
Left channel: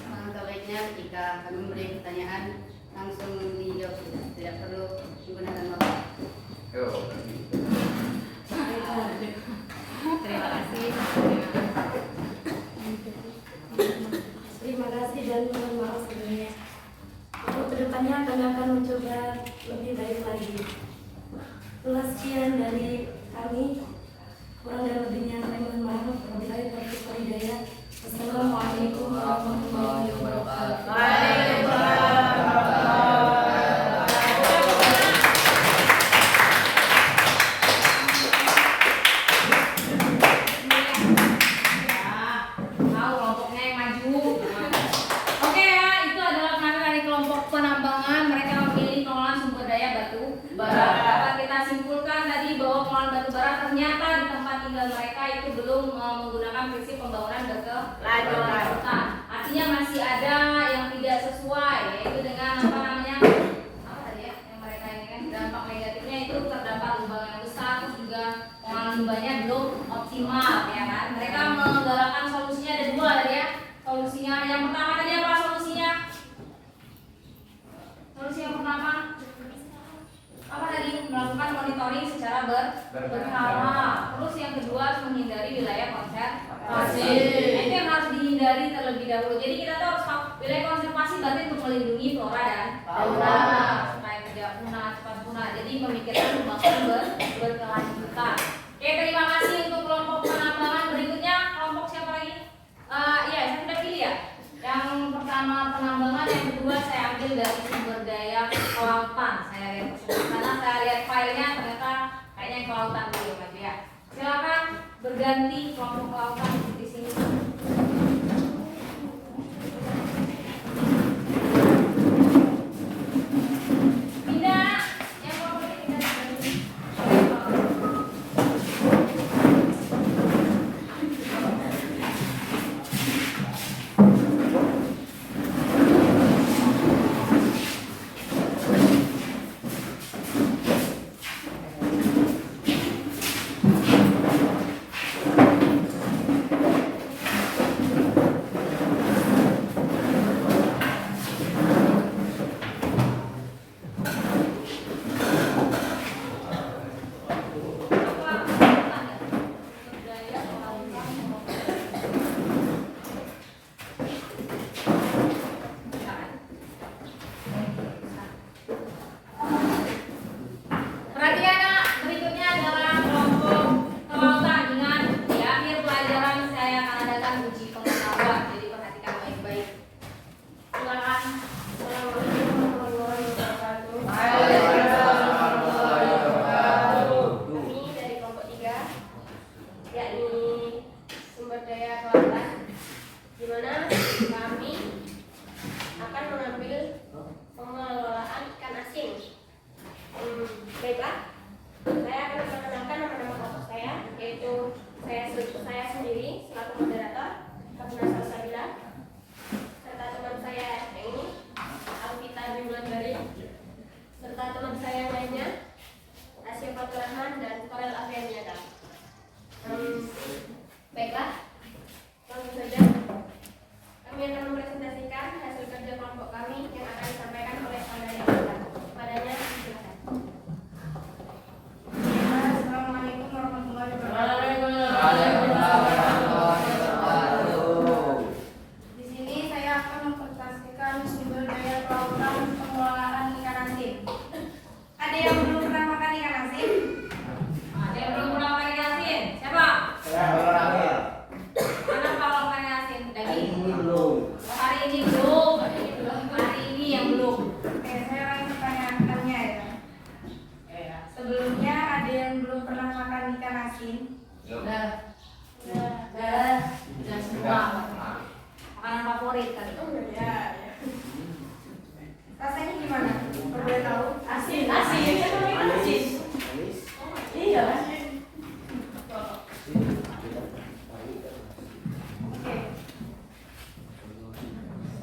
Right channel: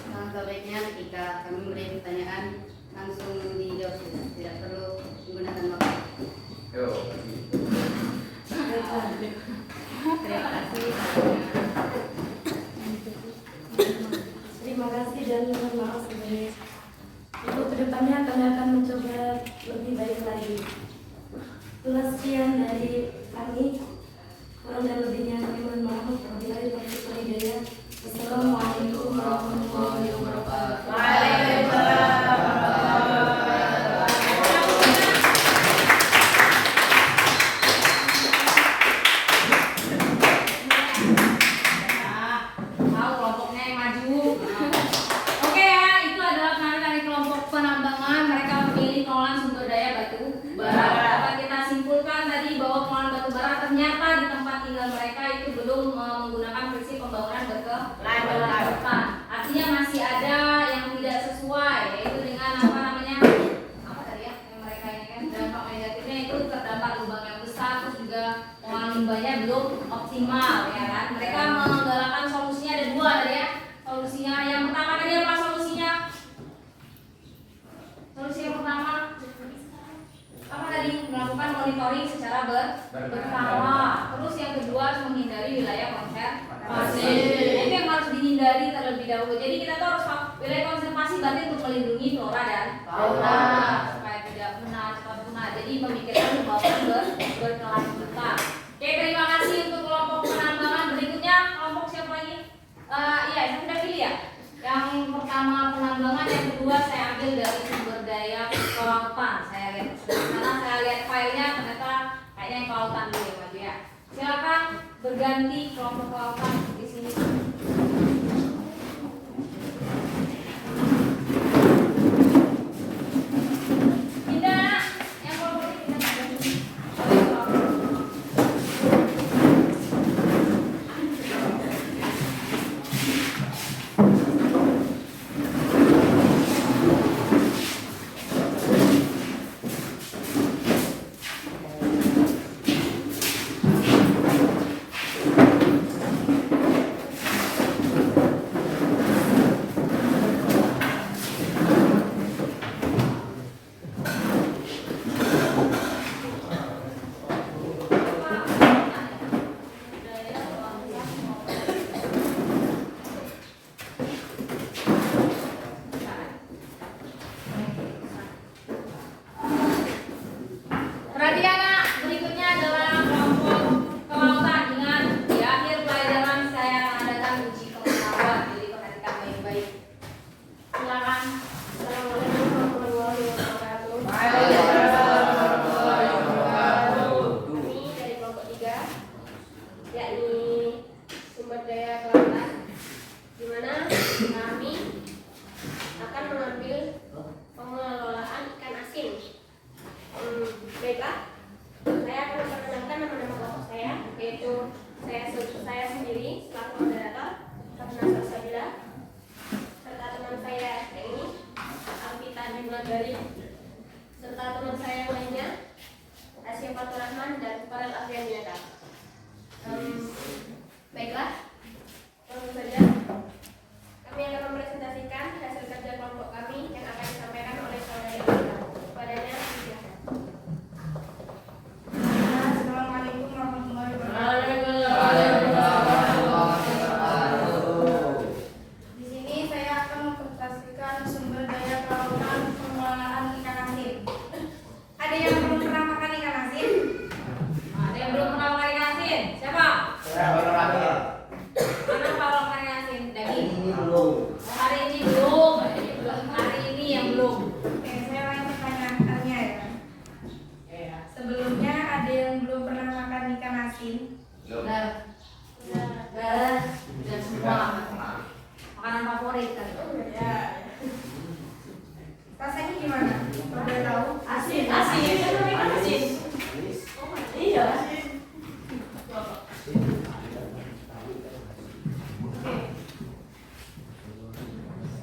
Alangkah baiknya ketika kami memberi pertanyaan langsung dijawab saja, tidak perlu menggunakan waktu. Yo. Terima kasih. Terima kasih dan mohon maaf sebelumnya. Untuk kedepannya kami akan mencoba lebih baik lagi. Itulah sekian dari kami. Kurang dan lebihnya kami mohon maaf. Wabillahi taufiq wal hidayah. Wassalamualaikum warahmatullahi wabarakatuh. Mau kelompoknya yang maju. Oke ya, itu adalah kami dari kelompok penambangan. Mereka memilih pengelolaan sumber daya batu bara. Dapat kita simpulkan tadi bahwa pengelolaan batu bara ternyata di tempat tinggal mereka itu belum menggunakan prinsip pembangunan berkelanjutan. Artinya masih ada yang tidak sesuai, yaitu dengan apa namanya? Apa tadi ya? Yang mereka ini kan dampak negatifnya itu terdapat lubang yang besar, terus juga pengolahan limbahnya belum optimal, ya kan? Mereka menggalakkan solusinya ada dua tadi ya. Solusinya yang pertama tadi apa solusinya? Solusi yang pertama apa tadi? Melakukan monitoring secara berkala. Terus yang kedua menghindari wilayah konservasi. Nah, itu yang harus dihindari terlebih dahulu. Jadi kita tuh harus wilayah konservasi berarti untuk melindungi flora dan fauna supaya tidak punah, cepat punah. Jadi memikirkan pembangunan berkelanjutan. Oke, terima kasih untuk kelompok penambangan. Berikutnya kelompok siapa lagi? Iya, saya sudah pilih ya. Yang pertama penambangan, yang kedua saya ambil dari sumber daya kelautan. Saya lihat karena saya lihat filenya ternyata kayaknya yang kelautan dulu ya, Pak ya. Silakan berganti kelompok kelautan di sini. Pindah, yang kelompok ini pindah. Perhatikan Nak, berikutnya adalah kelompok kelautan. Ingat, di akhir pelajaran saya akan adakan uji pengetahuan, jadi perhatikan baik-baik. Silakan. Assalamualaikum warahmatullahi wabarakatuh. Kami dari kelompok 3, yakni sumber daya kelautan, di mana kami akan mengambil pengelolaan ikan asin. Baiklah, saya akan memperkenalkan nama-nama kelompok saya, yaitu saya sendiri selaku moderator, Kapna Salsabila, serta teman saya yang ini, Alvita Bimadari, serta teman saya yang lainnya, Asia Fatur Rahman dan Farel Afrianiata. Baiklah, langsung saja kami akan mempresentasikan hasil kerja kelompok kami yang akan disampaikan oleh saudara kita. Kepadanya, silakan. Assalamualaikum warahmatullahi wabarakatuh. Di sini saya akan mempresentasikan sumber daya kelautan pengolahan ikan asin. Ada yang belum pernah makan ikan asin? Ada yang belum pernah makan ikan asin? Siapa? Saya olahraga. Mana kalau makan ikan asin? Daging? Ini belum. Hari ini belum. Hari ini yang belum. Oke, saya ulangi pertanyaannya ya. Sebelumnya ada yang belum pernah makan ikan asin? Udah semua. Makanan favorit kan? Ya. Rasanya gimana? Udah tahu? Asin. Asin. Iya.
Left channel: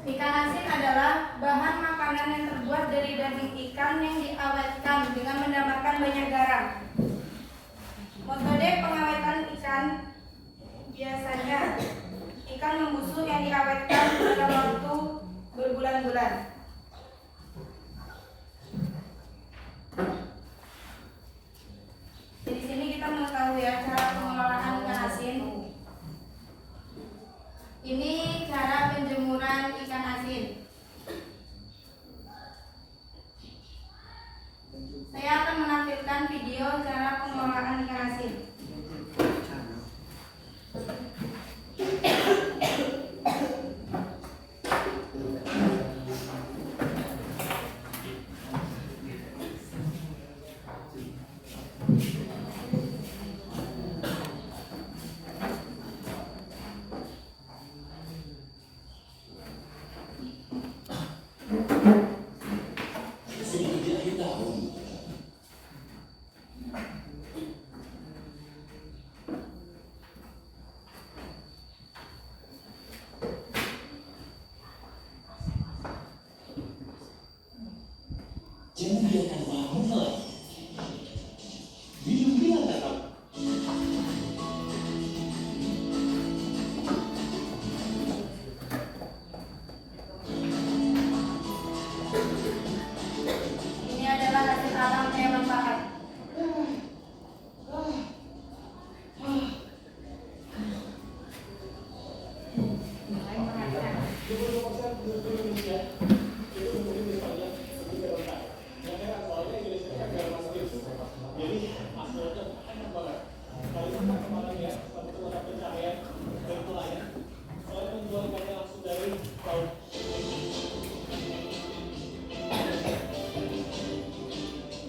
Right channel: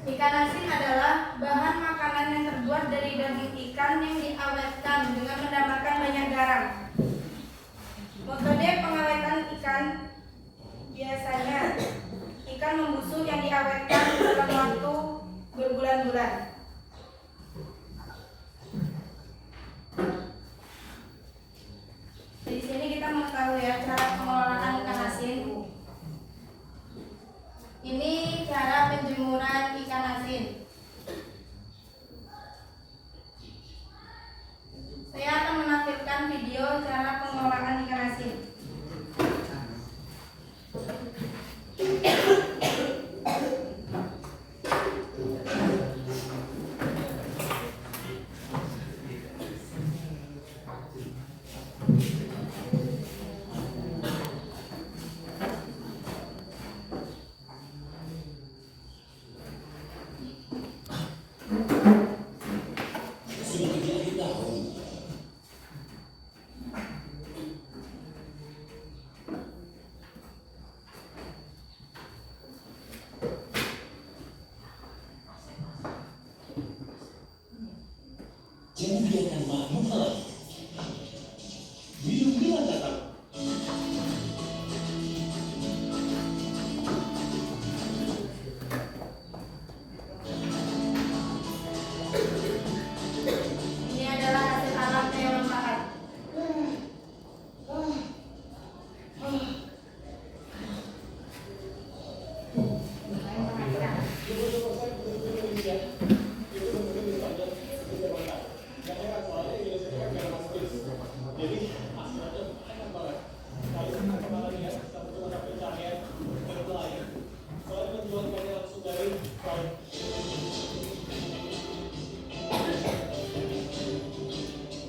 Ikan asin adalah bahan makanan yang terbuat dari daging ikan yang diawetkan dengan menambahkan banyak garam. Metode pengawetan ikan biasa bulan. Di sini kita mengetahui ya cara pengelolaan ikan asin. Ini cara penjemuran ikan asin. Saya akan menampilkan video cara pengelolaan ikan asin. Jangan biarkan malam menghalangi. Bilang datang. Ini adalah hasil alam hewan pakan.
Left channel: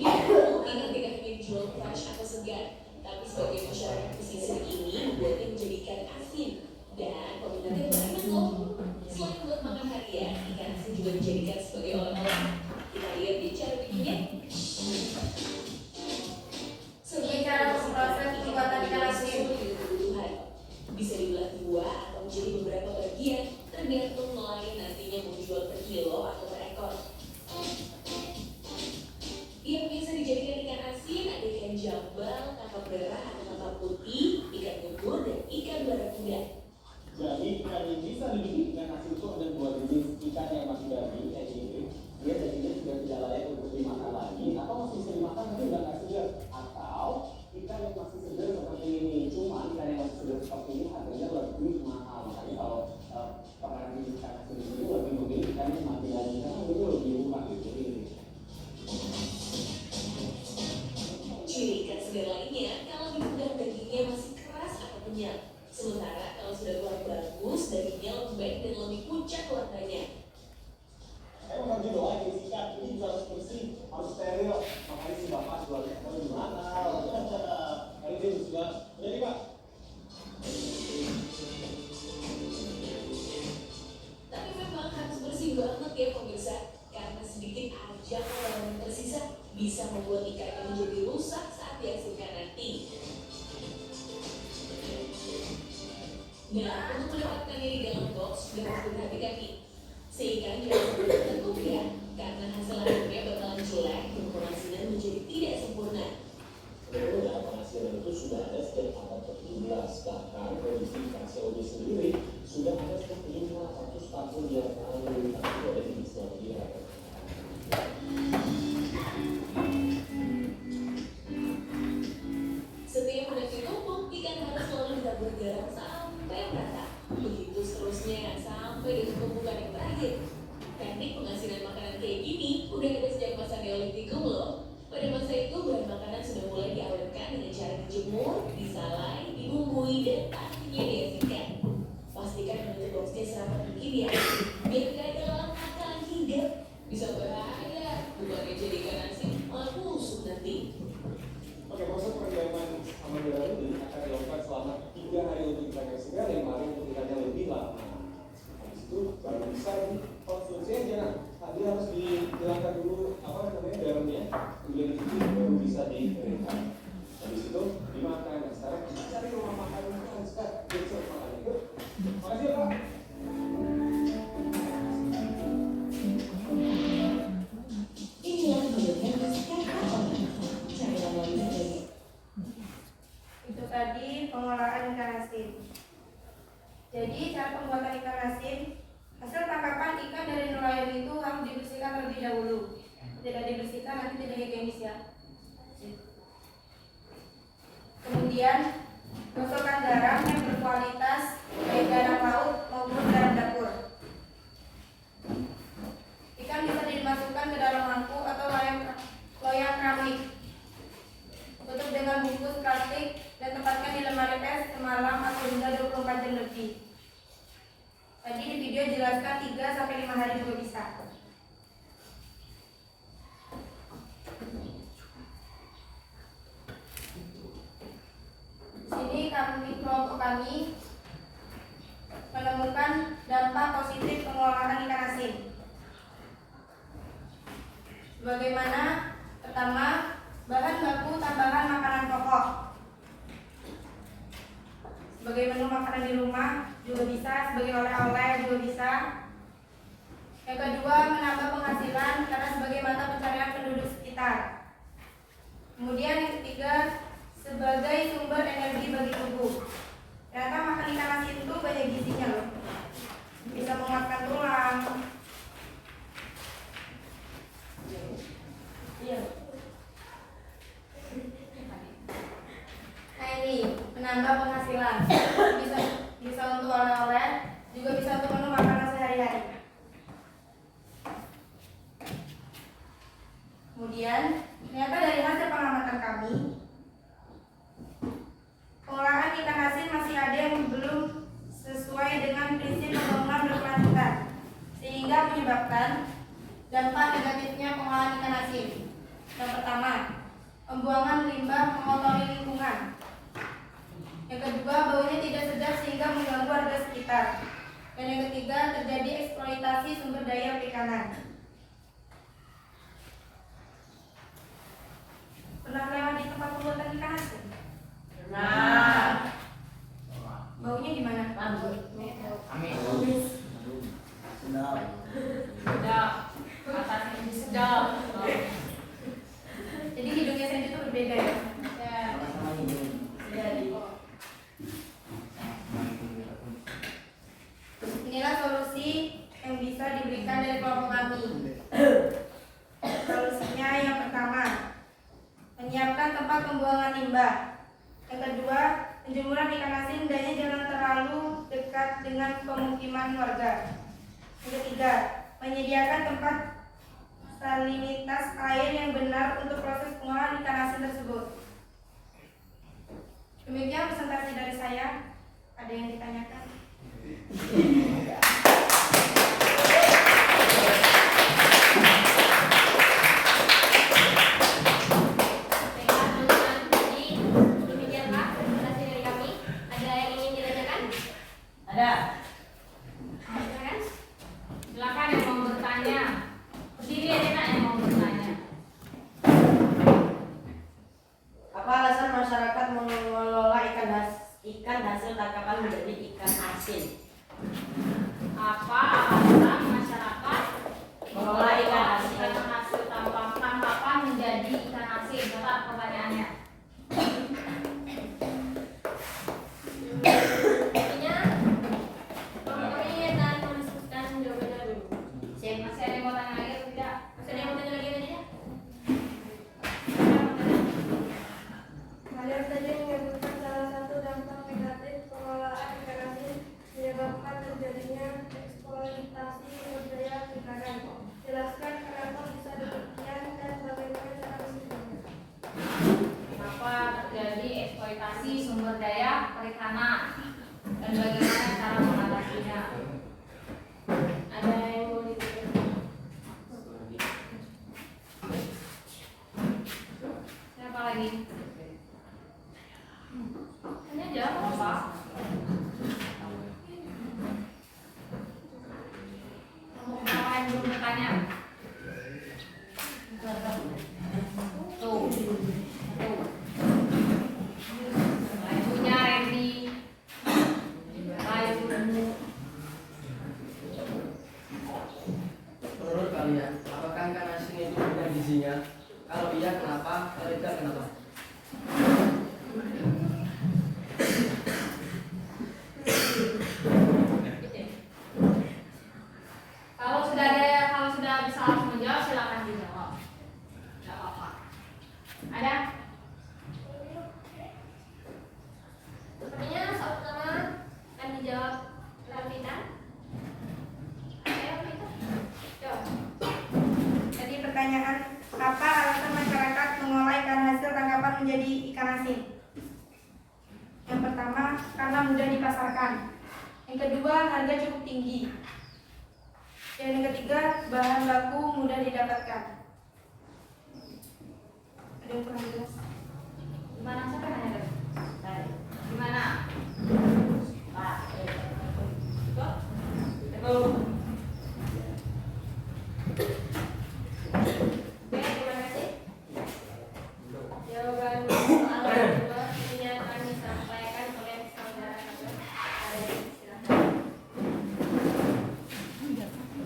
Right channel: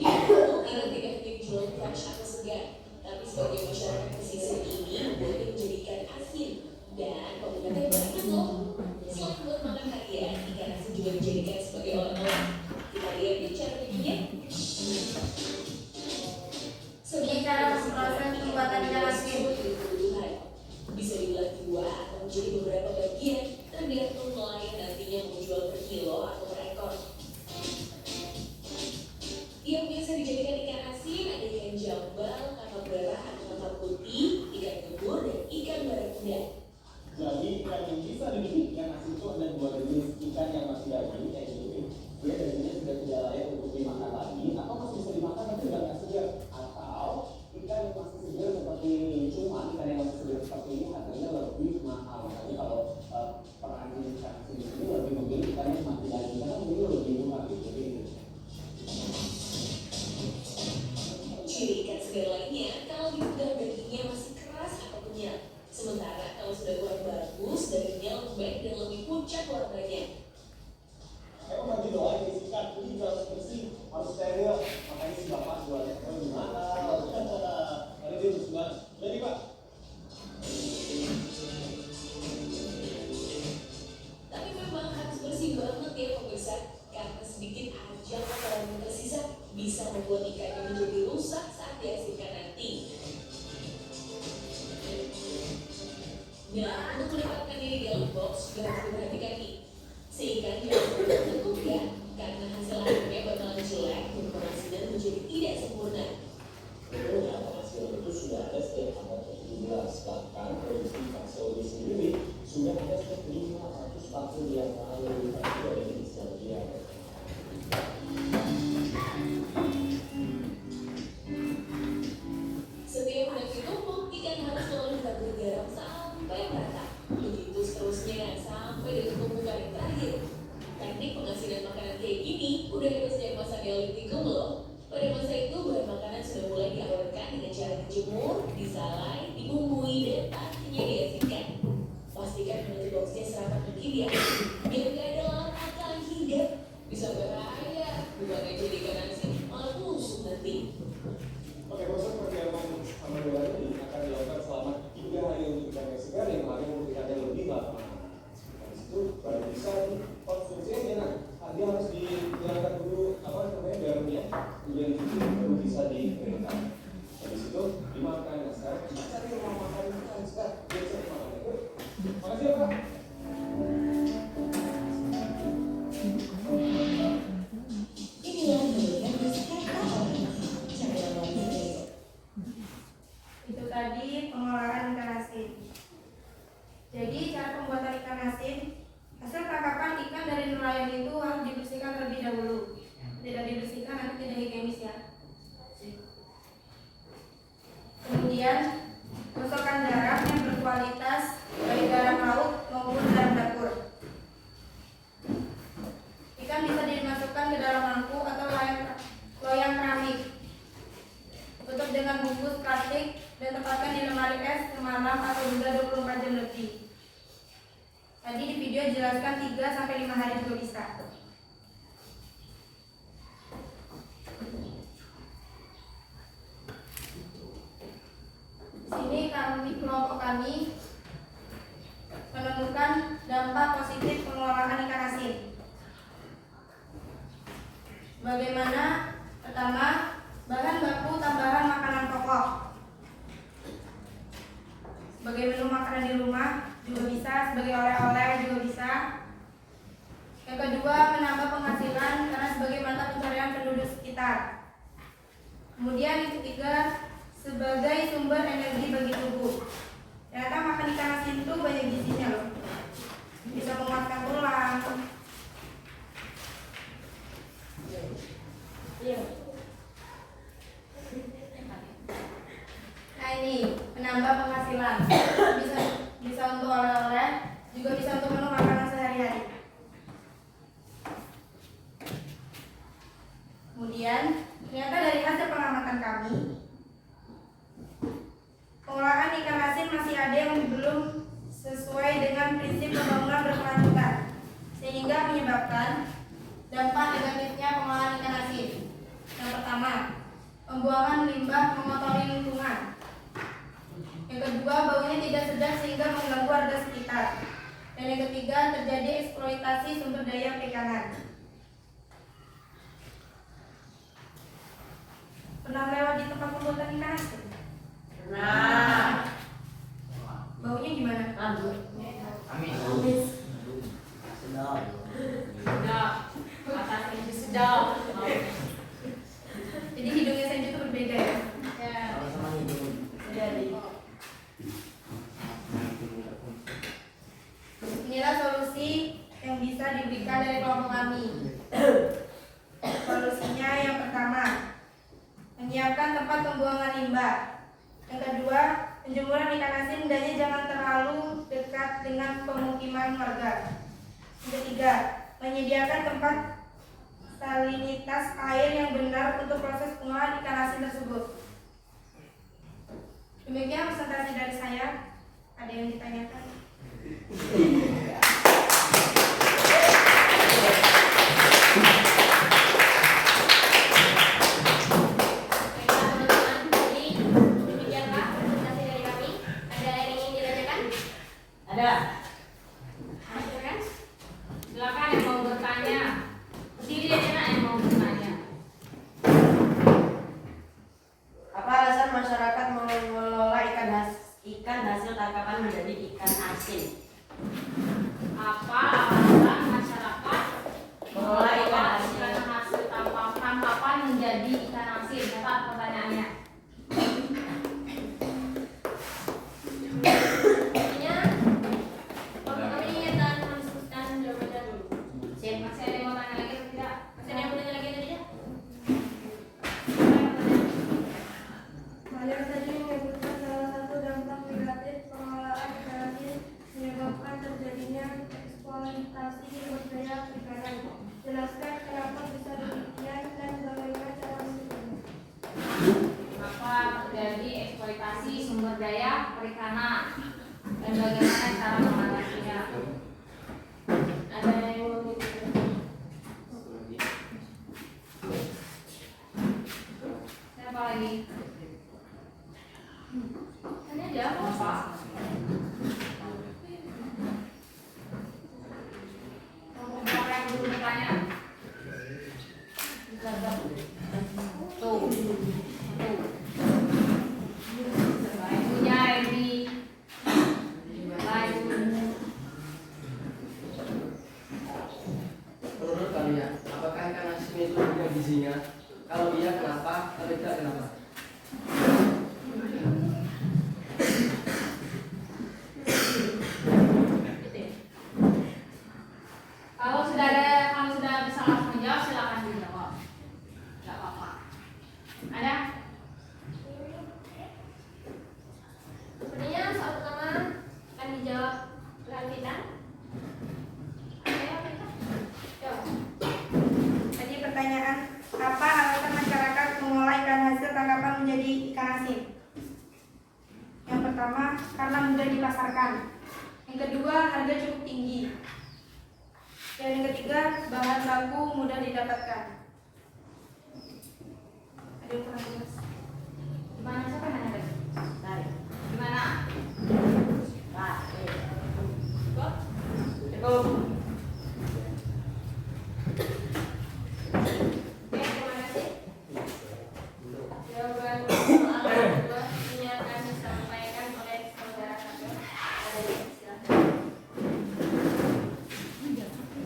Ingat tidak ingin jual fresh atau segar, tapi sebagai masyarakat pesisir ini buatnya menjadi ikan asin dan peminatnya banyak loh. Selain buat makan harian, ikan asin juga dijadikan sebagai oleh-oleh. Kita lihat di cara bikinnya. Ini cara proses pembuatan ikan asin. Bisa dibelah dua atau menjadi beberapa bagian, tergantung nelayan nantinya mau jual per kilo atau per ekor. Yang biasa dijadikan ikan asin ada ikan jambal, kakap merah atau kakap putih, ikan kebur, dan ikan barakuda. Jadi ikan yang bisa dibikin ikan asin itu ada dua jenis. Ikan yang masih daging kayak gini, dia dagingnya sudah tidak layak untuk dimakan lagi, atau masih bisa dimakan tapi udah nggak segar. Atau ikan yang masih segar seperti ini. Cuma ikan yang masih segar seperti ini harganya lebih mahal. Makanya kalau pengrajin ikan asin itu lebih memilih ikan yang mati lagi karena mungkin lebih murah gitu. Jadi Ciri ikan segar lainnya, kalau dipegang dagingnya masih keras atau kenyal. Sementara kalau sudah kurang bagus, dagingnya lembek dan lebih pucat warnanya. emang baju doang yang disikat, ini juga harus bersih, harus steril. Makanya si bapak jualnya apa gimana? Kali dia bersih banget. Jadi pak. Tapi memang harus bersih banget ya pemirsa, karena sedikit aja kotoran yang tersisa bisa membuat ikannya menjadi rusak saat diasinkan nanti. Nah, untuk mendapatkannya di dalam box sudah harus diperhatikan nih. Si ikan jangan sampai tertekuk ya, karena hasil akhirnya bakalan jelek dan pengasinan menjadi tidak sempurna. Sebenarnya penghasilan itu sudah ada sejak abad ke-17, bahkan produksi ikan COD sendiri sudah ada sejak 500 tahun yang lalu, tapi tidak ada di Islandia. Setiap hendak ditumpuk, ikan harus selalu ditabur garam sampai merata. Begitu seterusnya sampai di tumpukan yang terakhir. Teknik pengasinan makanan kayak gini udah ada sejak masa Neolitikum loh. Pada masa itu bahan makanan sudah mulai diawetkan dengan cara dijemur, disalai, dibumbui, dan pastinya diasinkan. Pastikan menutup boxnya serapat mungkin ya, biar gak ada lalat akan hinggap. Bisa bahaya, bukannya jadi ikan asin malah busuk nanti. Oke, proses pendiaman amandala ini akan dilakukan selama 3 hari untuk ikan yang segar, 5 hari untuk ikan yang lebih lama. Habis itu baru bisa dikonsumsi aja. Nah, dia harus dihilangkan dulu garamnya, kemudian dicuci baru bisa dikeringkan. Habis itu dimakan. Nah, sekarang kita cari rumah makan yang segar, biasa makan itu. Makasih ya Pak. Inilah menurutnya bersikap apa? Cara lawannya ini. Itu tadi pengolahan ikan asin. Jadi cara pembuatan ikan asin Hasil tangkapan ikan dari nelayan itu harus dibersihkan terlebih dahulu. Tidak dibersihkan nanti tidak higienis ya. Kemudian masukkan garam yang berkualitas, baik garam laut maupun garam dapur. Ikan bisa dimasukkan ke dalam mangkuk atau loyang keramik. Tutup dengan bungkus plastik dan tempatkan di lemari es semalam atau hingga 24 jam lebih. Tadi di video jelaskan 3-5 hari juga bisa. Di sini kelompok kami menemukan dampak positif pengelolaan ikan asin. Bagaimana? Pertama, bahan baku tambahan makanan pokok. Sebagai menu makanan di rumah juga bisa, sebagai oleh-oleh juga bisa. Yang kedua, menambah penghasilan karena sebagai mata pencarian penduduk sekitar. Kemudian yang ketiga, sebagai sumber energi bagi tubuh. Ternyata makan ikan asin itu banyak gizinya loh. Bisa menguatkan tulang. Iya. Nah ini menambah penghasilan. Bisa untuk oleh-oleh, juga bisa untuk menu makanan sehari-hari. Kemudian ternyata dari hasil pengamatan kami, pengolahan ikan asin masih ada yang belum sesuai dengan prinsip pembangunan berkelanjutan, sehingga menyebabkan dampak negatifnya pengolahan ikan asin. Yang pertama, pembuangan limbah mengotori lingkungan. Yang kedua, baunya tidak sedap sehingga mengganggu warga sekitar. Dan yang ketiga, terjadi eksploitasi sumber daya perikanan. Pernah lewat di tempat pembuatan ikan asin? Nah, baunya gimana? Amis. Sedap. Atasnya itu sedap. Jadi hidungnya Senju itu berbeda ya? Ya. Jadi inilah solusi yang bisa diberikan dari kelompok kami. Solusinya yang pertama, menyiapkan tempat pembuangan limbah. Yang kedua, penjemuran ikan asin hendaknya jangan terlalu dekat dengan pemukiman warga. Yang ketiga, menyediakan tempat salinitas air yang benar untuk proses pengolahan ikan asin tersebut. Demikian presentasi dari saya. Ada yang ditanyakan? Demikianlah presentasi dari kami. Ada yang ingin ditanyakan? Ada. Silakan yang mau bertanya. Berdiri aja nak yang mau bertanya. Apa alasan masyarakat mengelola ikan hasil tangkapan menjadi ikan asin? Apa alasan masyarakat Mengelola ikan asin hasil tangkapan menjadi ikan asin? Catat pertanyaannya. Intinya, kami akan mendiskusikan jawabannya dulu. Masih ada yang mau tanya lagi atau tidak? Masih ada yang mau tanya lagi tadi ya? Mayor tadi menyebutkan salah satu dampak negatif pengolahan ikan asin menyebabkan terjadinya eksploitasi sumber daya perikanan. Jelaskan kenapa bisa demikian dan bagaimana cara mencegahnya. Kenapa terjadi eksploitasi sumber daya perikanan dan bagaimana cara mengatasinya? Ada yang mau ditanya? Siapa lagi? Tanya aja apa? Siapa yang belum bertanya? Tuh. Ibunya Randy. Menurut kalian, apakah ikan asin itu punya gizinya? Kalau iya, kenapa? Kalau tidak, kenapa? pertama, karena mudah dipasarkan. Yang kedua, harga cukup tinggi. Dan yang ketiga, bahan baku mudah didapatkan. Ada yang pernah jelas? Gimana siapa yang nanya? Gimana? Pak. Kok? Oke, terima kasih. Jawaban soal kedua ini akan disampaikan oleh saudara Kapten. Ada yang silakan.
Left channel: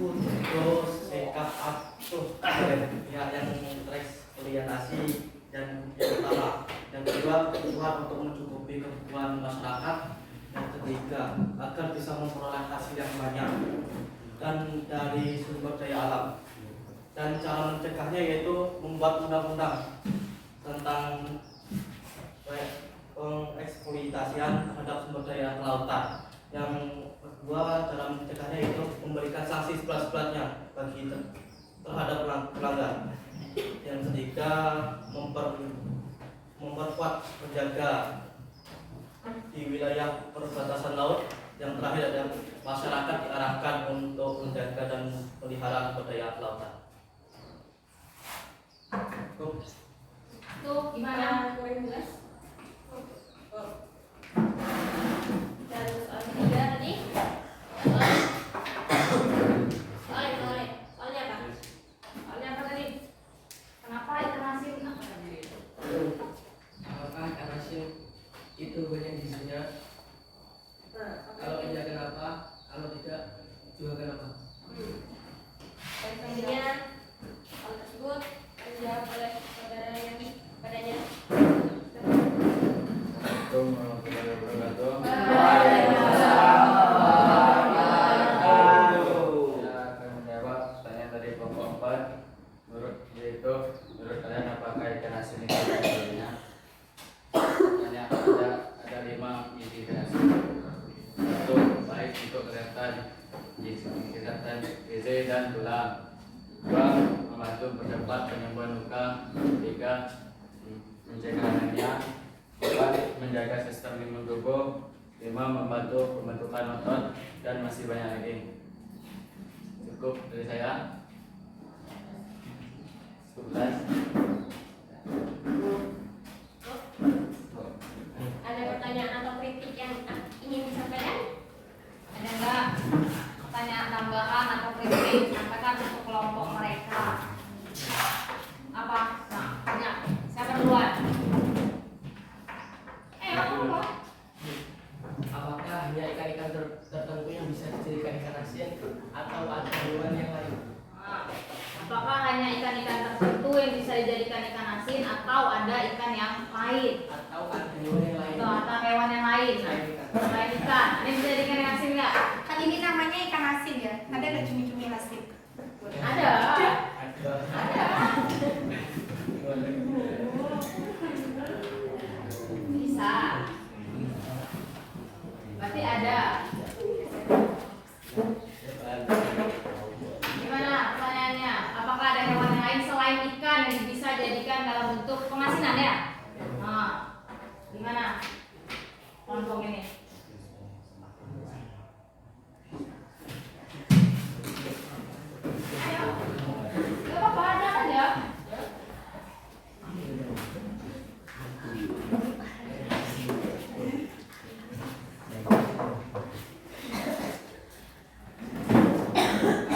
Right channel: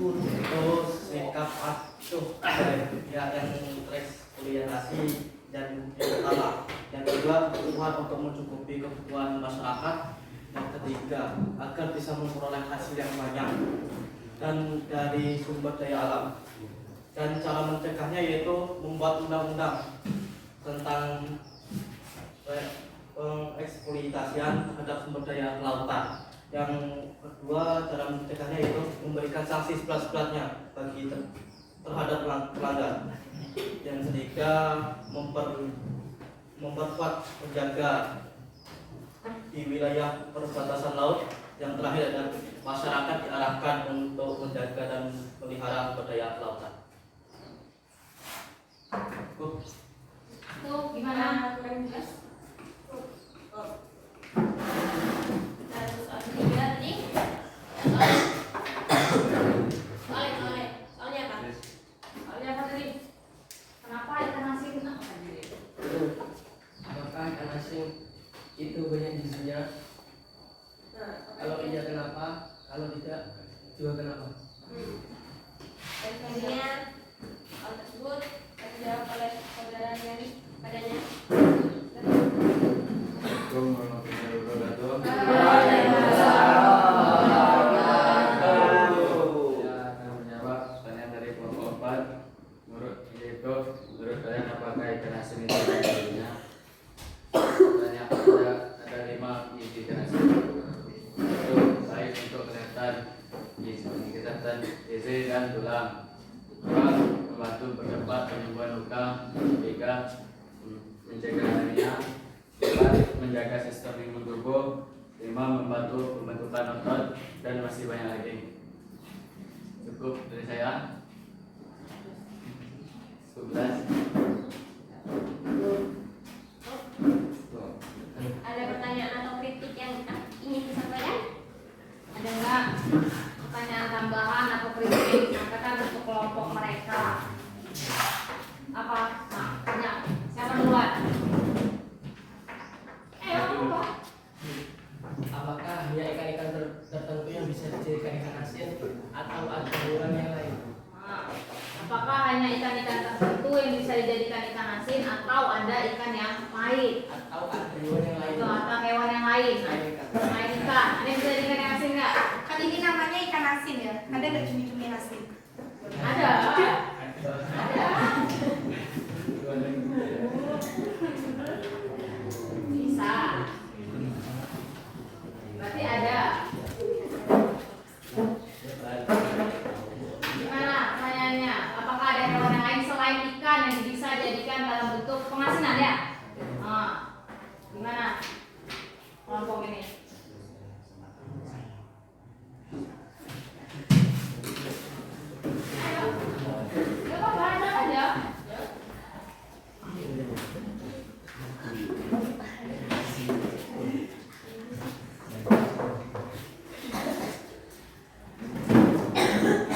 Untuk sikap asuh dari pihak yang tereksploitasi dan yang pertama, yang kedua kebutuhan untuk mencukupi kebutuhan masyarakat, yang ketiga agar bisa memperoleh hasil yang banyak dan dari sumber daya alam, dan cara mencegahnya yaitu membuat undang-undang tentang pengeksploitasian terhadap sumber daya lautan. Yang kedua, cara mencegahnya yaitu memberikan sanksi seberat-beratnya bagi terhadap pelanggar. Yang ketiga, memperkuat penjaga di wilayah perbatasan laut. Yang terakhir adalah masyarakat diarahkan untuk menjaga dan melihara sumber daya lautan. Tuh, gimana? Kurang jelas? Kita lanjut soal ketiga tadi. Soalnya apa? Soalnya apa tadi? Kenapa ikan asin? Apakah ikan asin itu banyak gizinya? Kalau iya kenapa? Kalau tidak juga kenapa? Dan selanjutnya hal tersebut akan dijawab oleh saudara yang padanya. gizi dan tulang. 2. Membantu mempercepat penyembuhan luka. 3. Mencegah anemia. 4. Menjaga sistem imun tubuh. 5. Membantu pembentukan otot, dan masih banyak lagi. Cukup dari saya. 11. Ada pertanyaan atau kritik yang ingin disampaikan? Ada enggak pertanyaan tambahan atau kritik yang disampaikan untuk kelompok mereka? Apa? Nah, banyak. Siapa duluan? Apa? Apakah hanya ikan-ikan tertentu yang bisa dijadikan ikan asin atau ada hewan yang lain? Apakah hanya ikan-ikan tertentu yang bisa dijadikan ikan asin atau ada ikan yang lain? Atau ada hewan yang lain? Atau hewan yang lain? Selain ikan, ada yang bisa dijadikan ikan asin nggak? Kan ini namanya ikan asin ya. Ada nggak cumi-cumi asin? Ada. Bisa. Berarti ada. Gimana pertanyaannya? Apakah ada hewan yang lain selain ikan yang bisa dijadikan dalam bentuk pengasinan ya? Nah, gimana kelompok ini? Ayo, gak apa-apa, ada aja.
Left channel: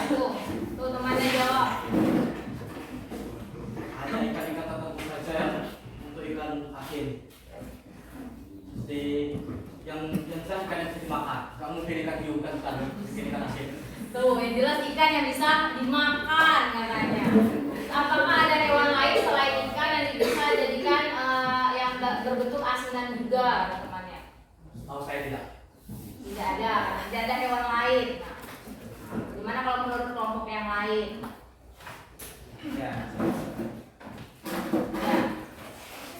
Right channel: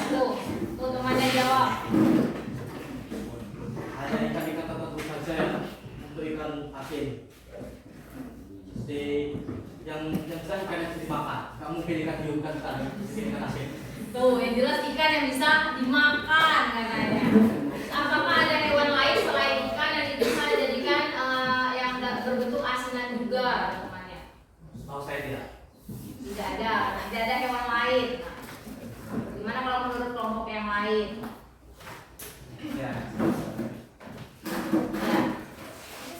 Tuh temannya jawab. Hanya ikan-ikan tertentu saja untuk ikan asin. Yang jelas ikan yang bisa dimakan. Kamu pilih ikan hiu kan ikan asin. Tuh, yang jelas ikan yang bisa dimakan katanya. Apakah ada hewan lain selain ikan yang bisa dijadikan yang berbentuk asinan juga temannya? Tahu saya tidak. Tidak ada, tidak ada hewan lain. Gimana kalau menurut kelompok yang lain? Ya.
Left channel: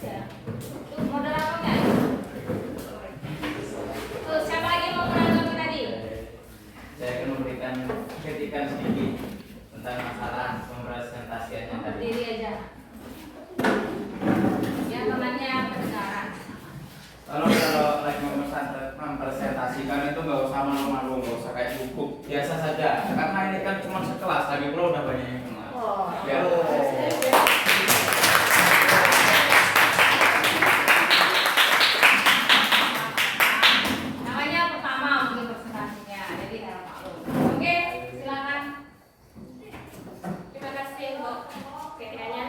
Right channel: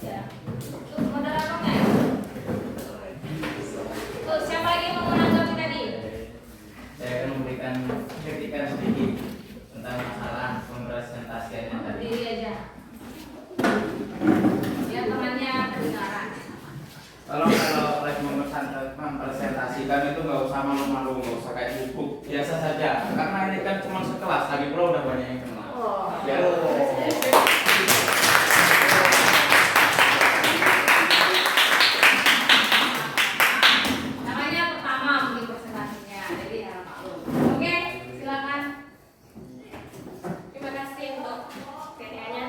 Ya. Tuh, moderatornya. Tuh, siapa lagi yang mau menanggapi tadi? Saya akan memberikan kritikan sedikit tentang masalah pempresentasian yang tadi. Diri aja. Ya, temannya kedengaran. Tolong kalau like nomor 1 komunikasikan itu nggak usah malu-malu, nggak usah kayak gugup, biasa saja. Karena ini kan cuma sekelas, lagi pula udah banyak yang kenal. Ya. Namanya pertama mungkin presentasinya, jadi harap maklum. Oke, silakan. Terima kasih untuk PTA-nya.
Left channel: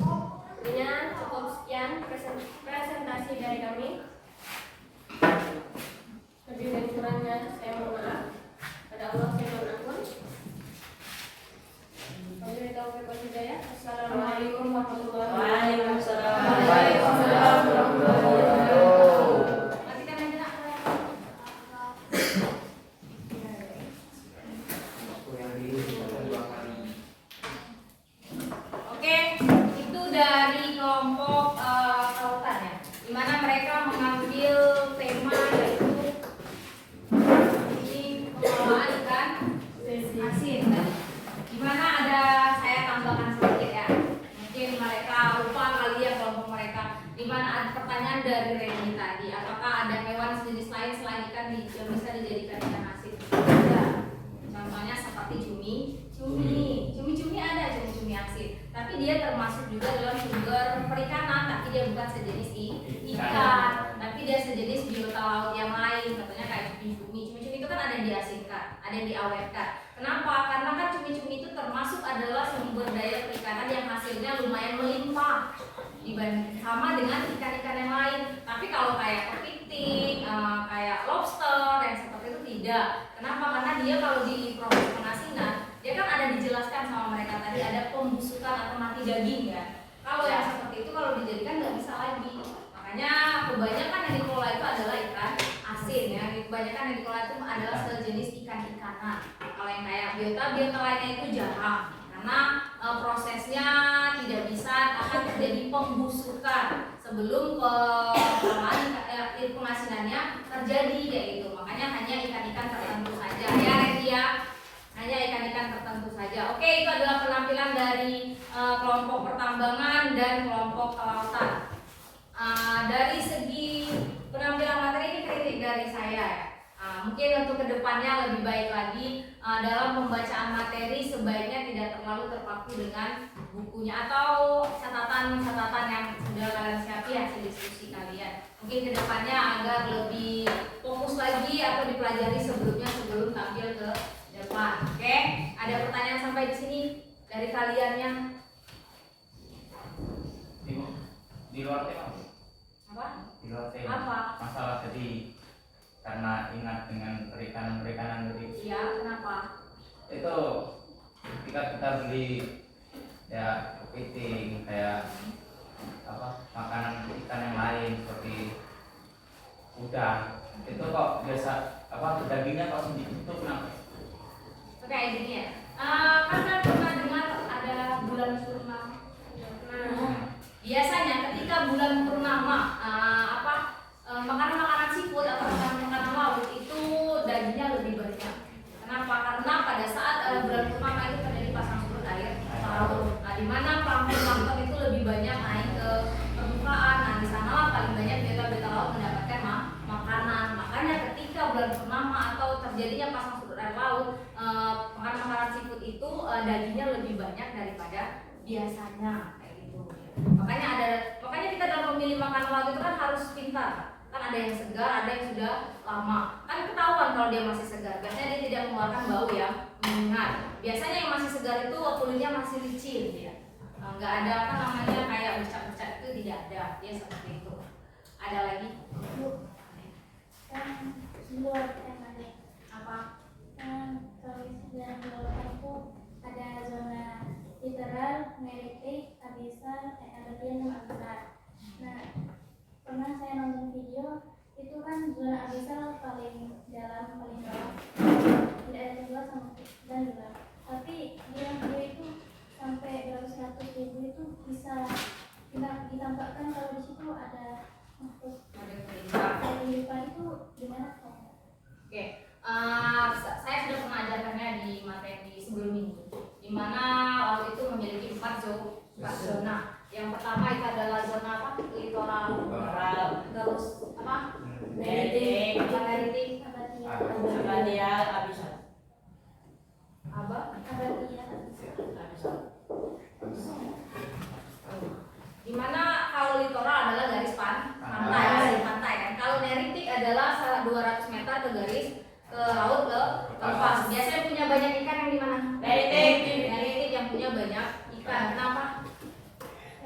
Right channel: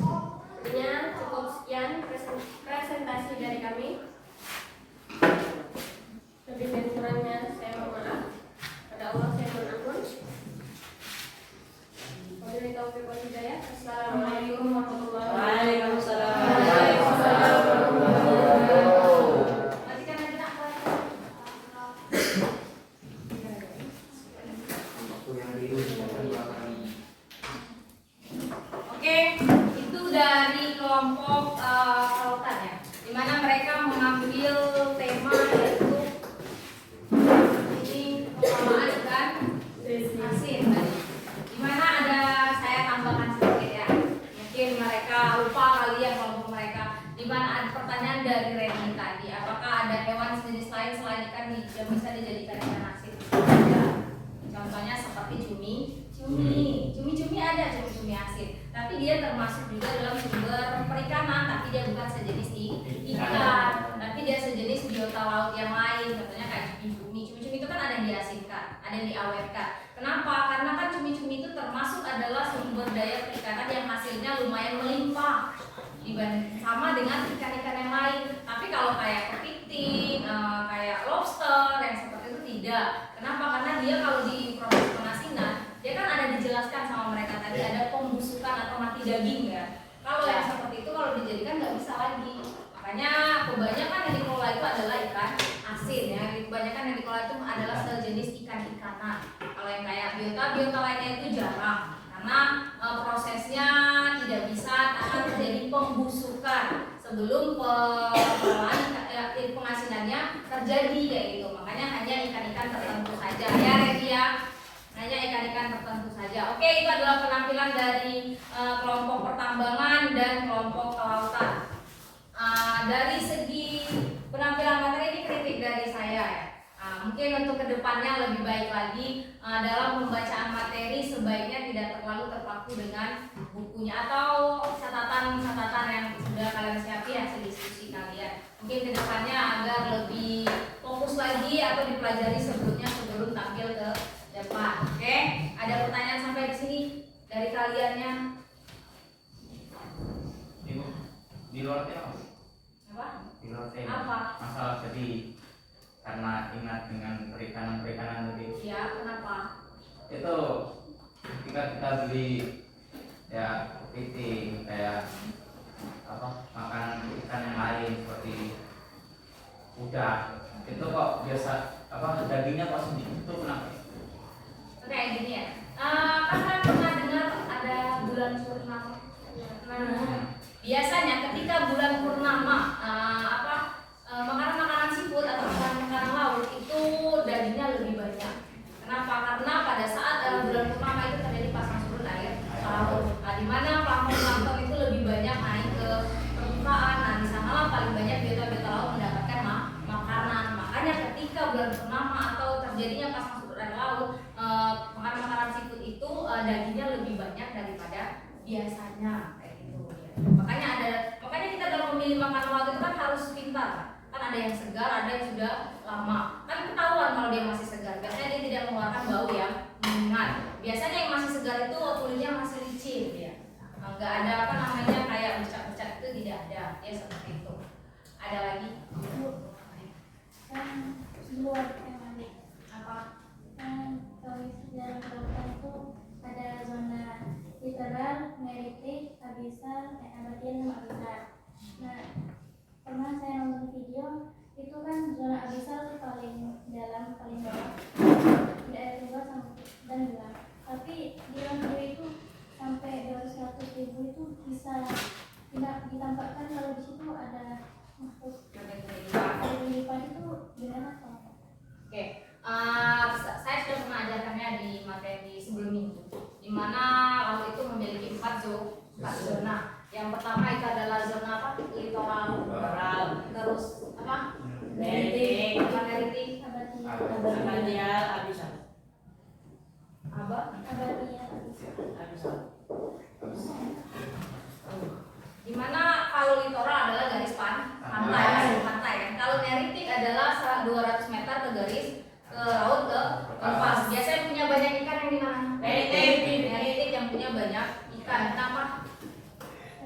Sebenarnya cukup sekian presentasi dari kami. Lebih dan kurangnya saya mohon maaf. Pada Allah saya mohon ampun. Wabillahi taufiq wal hidayah. Assalamualaikum warahmatullahi wabarakatuh. Oke, itu dari kelompok kelautan ya, di mana mereka mengambil tema yaitu ini pengelolaan ikan asin kan. Di mana ada saya tambahkan sedikit ya, mungkin mereka lupa kali ya kelompok mereka. Di mana ada pertanyaan dari Reni tadi, apakah ada hewan sejenis lain selain ikan yang bisa dijadikan ikan asin? Ya. Contohnya seperti cumi ada cumi asin, tapi dia termasuk juga dalam sumber perikanan, tapi dia bukan sejenis ikan, tapi dia sejenis biota laut yang lain. Contohnya kayak cumi itu kan ada yang diasinkan, ada yang diawetkan. Kenapa? Karena kan cumi itu termasuk adalah sumber daya perikanan yang hasilnya lumayan melimpah dibanding sama dengan ikan-ikan yang lain. Tapi kalau kayak kepiting, kayak lobster yang seperti itu tidak. Kenapa? Karena dia kalau di proses pengasinan, dia kan ada dijelaskan sama mereka tadi ada pembusukan atau mati daging ya. Kalau yang seperti itu kalau dijadikan nggak bisa lagi. Makanya kebanyakan yang dikelola itu adalah ikan asin ya. Kebanyakan yang dikelola itu adalah sejenis ikan-ikanan. Kalau yang kayak biota lainnya itu jarang. Karena prosesnya tidak bisa akan terjadi pembusukan sebelum pengasinannya terjadi kayak gitu. Makanya hanya ikan-ikan tertentu saja ya Redia. Hanya ikan-ikan tertentu saja. Oke, itu adalah penampilan dari kelompok pertambangan dan kelompok kelautan. Dari segi penampilan materi ini kritik dari saya ya. Mungkin untuk kedepannya lebih baik lagi dalam pembacaan materi sebaiknya tidak terlalu terpaku dengan bukunya atau catatan-catatan yang sudah kalian siapkan hasil diskusi kalian. Mungkin kedepannya agar lebih fokus lagi atau dipelajari sebelumnya sebelum tampil ke depan. Oke, ada pertanyaan sampai di sini dari kaliannya? Di luar tema Apa? di luar tema Apa? masalah tadi karena ingat dengan perikanan tadi. Iya, kenapa? Itu ketika kita beli ya kepiting kayak makanan ikan yang lain seperti udang itu kok biasa dagingnya kok sedikit, itu kenapa? Oke, gini ya. Kan pernah dengar ada bulan purnama. Biasanya ketika bulan purnama makanan-makanan seafood atau makanan laut itu dagingnya lebih banyak. Kenapa? Karena pada saat bulan purnama itu terjadi pasang surut air laut. Nah, di mana plankton itu lebih banyak naik ke permukaan. Nah, di sanalah paling banyak biota-biota laut mendapatkan makanan. Makanya ketika bulan purnama atau terjadinya pasang surut air laut, makanan-makanan seafood itu dagingnya lebih banyak daripada biasanya kayak gitu. Makanya kita dalam memilih makanan laut itu kan harus pintar. Kan ada yang segar, ada yang sudah lama. Kan ketahuan kalau dia masih segar. Biasanya dia tidak mengeluarkan bau yang menyengat. Biasanya yang masih segar itu kulitnya masih licin ya. Enggak ada kayak bercak-bercak itu tidak ada. Dia seperti itu. Ada lagi? Kan luar temanya Apa? kan kalau sejarah kelautan itu ada zona literal, meritik, abisal, abadian, dan abisal. Nah, pernah saya nonton video itu kan zona abisal paling dalam, paling bawah, tidak ada keluar dan gelap. Tapi di dalam video itu sampai 200.000 itu bisa ditampakkan kalau di situ ada makhluk. Ada kehidupan itu gimana kalau? Oke, saya sudah pernah ajarkannya di materi sebelum ini, di mana laut itu memiliki 4 zona. Yang pertama itu adalah zona apa? Litoral, terus apa? Meritik, adalah 200 meter ke garis ke laut ke lepas. Biasanya punya banyak ikan yang di mana? Neritik yang punya banyak ikan. Kenapa?